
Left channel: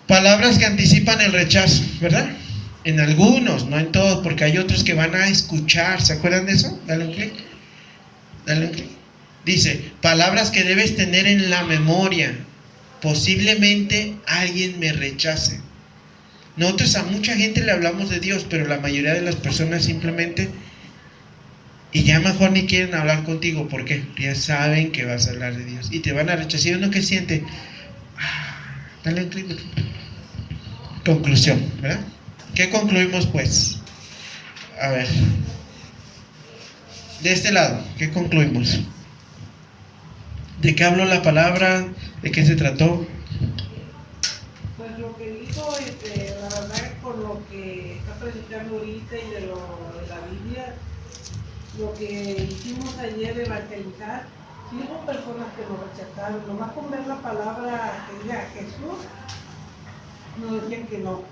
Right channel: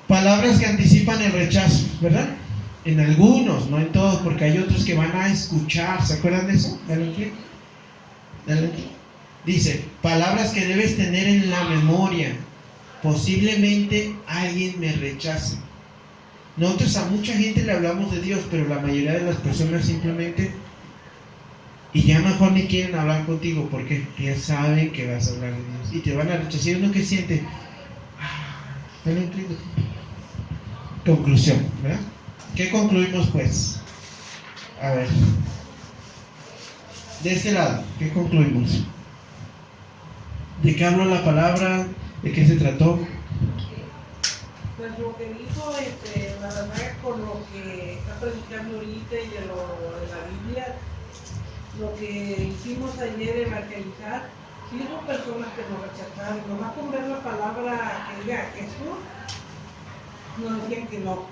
Palabras que anticipan el rechazo, ¿verdad? En algunos, no en todos, porque hay otros que van a escuchar. ¿Se acuerdan de eso? Dale un clic. Dale un clic. Dice, palabras que debes tener en la memoria. Posiblemente alguien me rechace. Nosotros a mucha gente le hablamos de Dios, pero la mayoría de las personas simplemente, y ya mejor ni quieren hablar contigo. ¿Por qué? Porque ya saben que vas a hablar de Dios y te van a rechazar. ¿Uno que siente? Dale un clic. Conclusión, ¿verdad? ¿Qué concluimos pues? A ver, de este lado, ¿qué concluimos? ¿De qué habló la palabra? ¿De qué se trató? Pues lo que dijo, la verdad, con lo que está predicando ahorita y de la Biblia, lo que hicimos ayer de evangelizar, sí hubo personas que nos rechazaron, nomás con ver la palabra que diga Jesús, nos decían que no.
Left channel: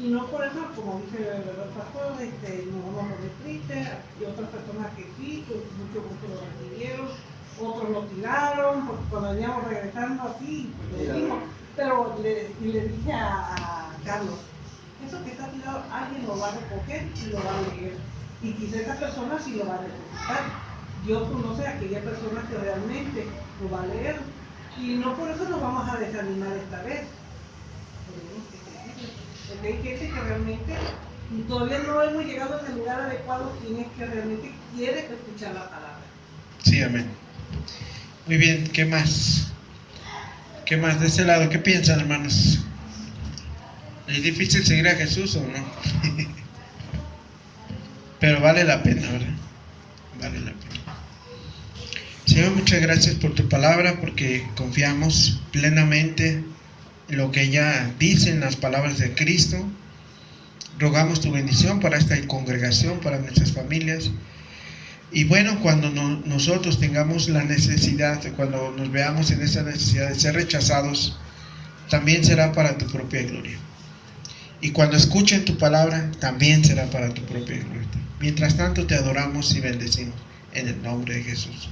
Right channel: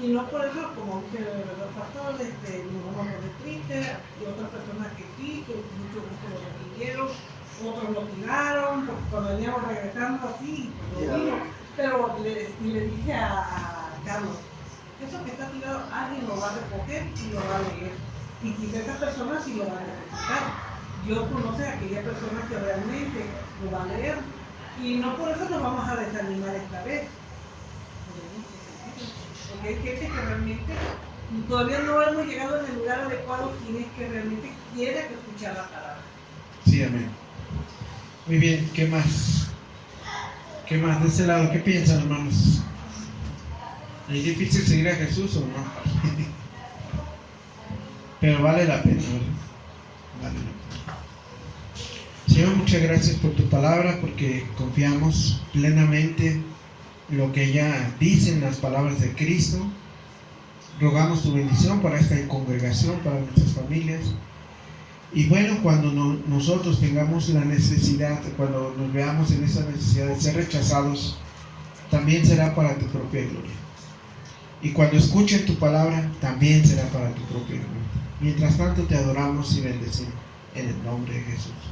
Y no por eso, como dice el pastor, no nos retriste, y otras personas que sí, que muchos que lo recibieron, otros lo tiraron, porque cuando veníamos regresando así, lo digo. Pero le dije a Carlos, eso que está tirado, alguien lo va a recoger y lo va a leer. Y quizá esa persona sí lo va a necesitar. Dios conoce a aquella persona que realmente lo va a leer. Y no por eso nos vamos a desanimar esta vez. Porque hay gente que realmente todavía no hemos llegado en el lugar adecuado, quien es que realmente quiere escuchar la palabra. Sí, amén. Muy bien, ¿qué más? ¿Qué más de este lado? ¿Qué piensan, hermanos? ¿Es difícil seguir a Jesús o no? Pero vale la pena, ¿verdad? Vale la pena. Señor, muchas gracias por tu palabra, porque confiamos plenamente en lo que ella dice en las palabras de Cristo. Rogamos tu bendición para esta congregación. congregación, para nuestras familias. Y bueno, cuando nosotros tengamos la necesidad, cuando nos veamos en esa necesidad de ser rechazados, también será para tu propia gloria. Y cuando escuchen tu palabra, también será para tu propia gloria. Mientras tanto, te adoramos y bendecimos en el nombre de Jesús.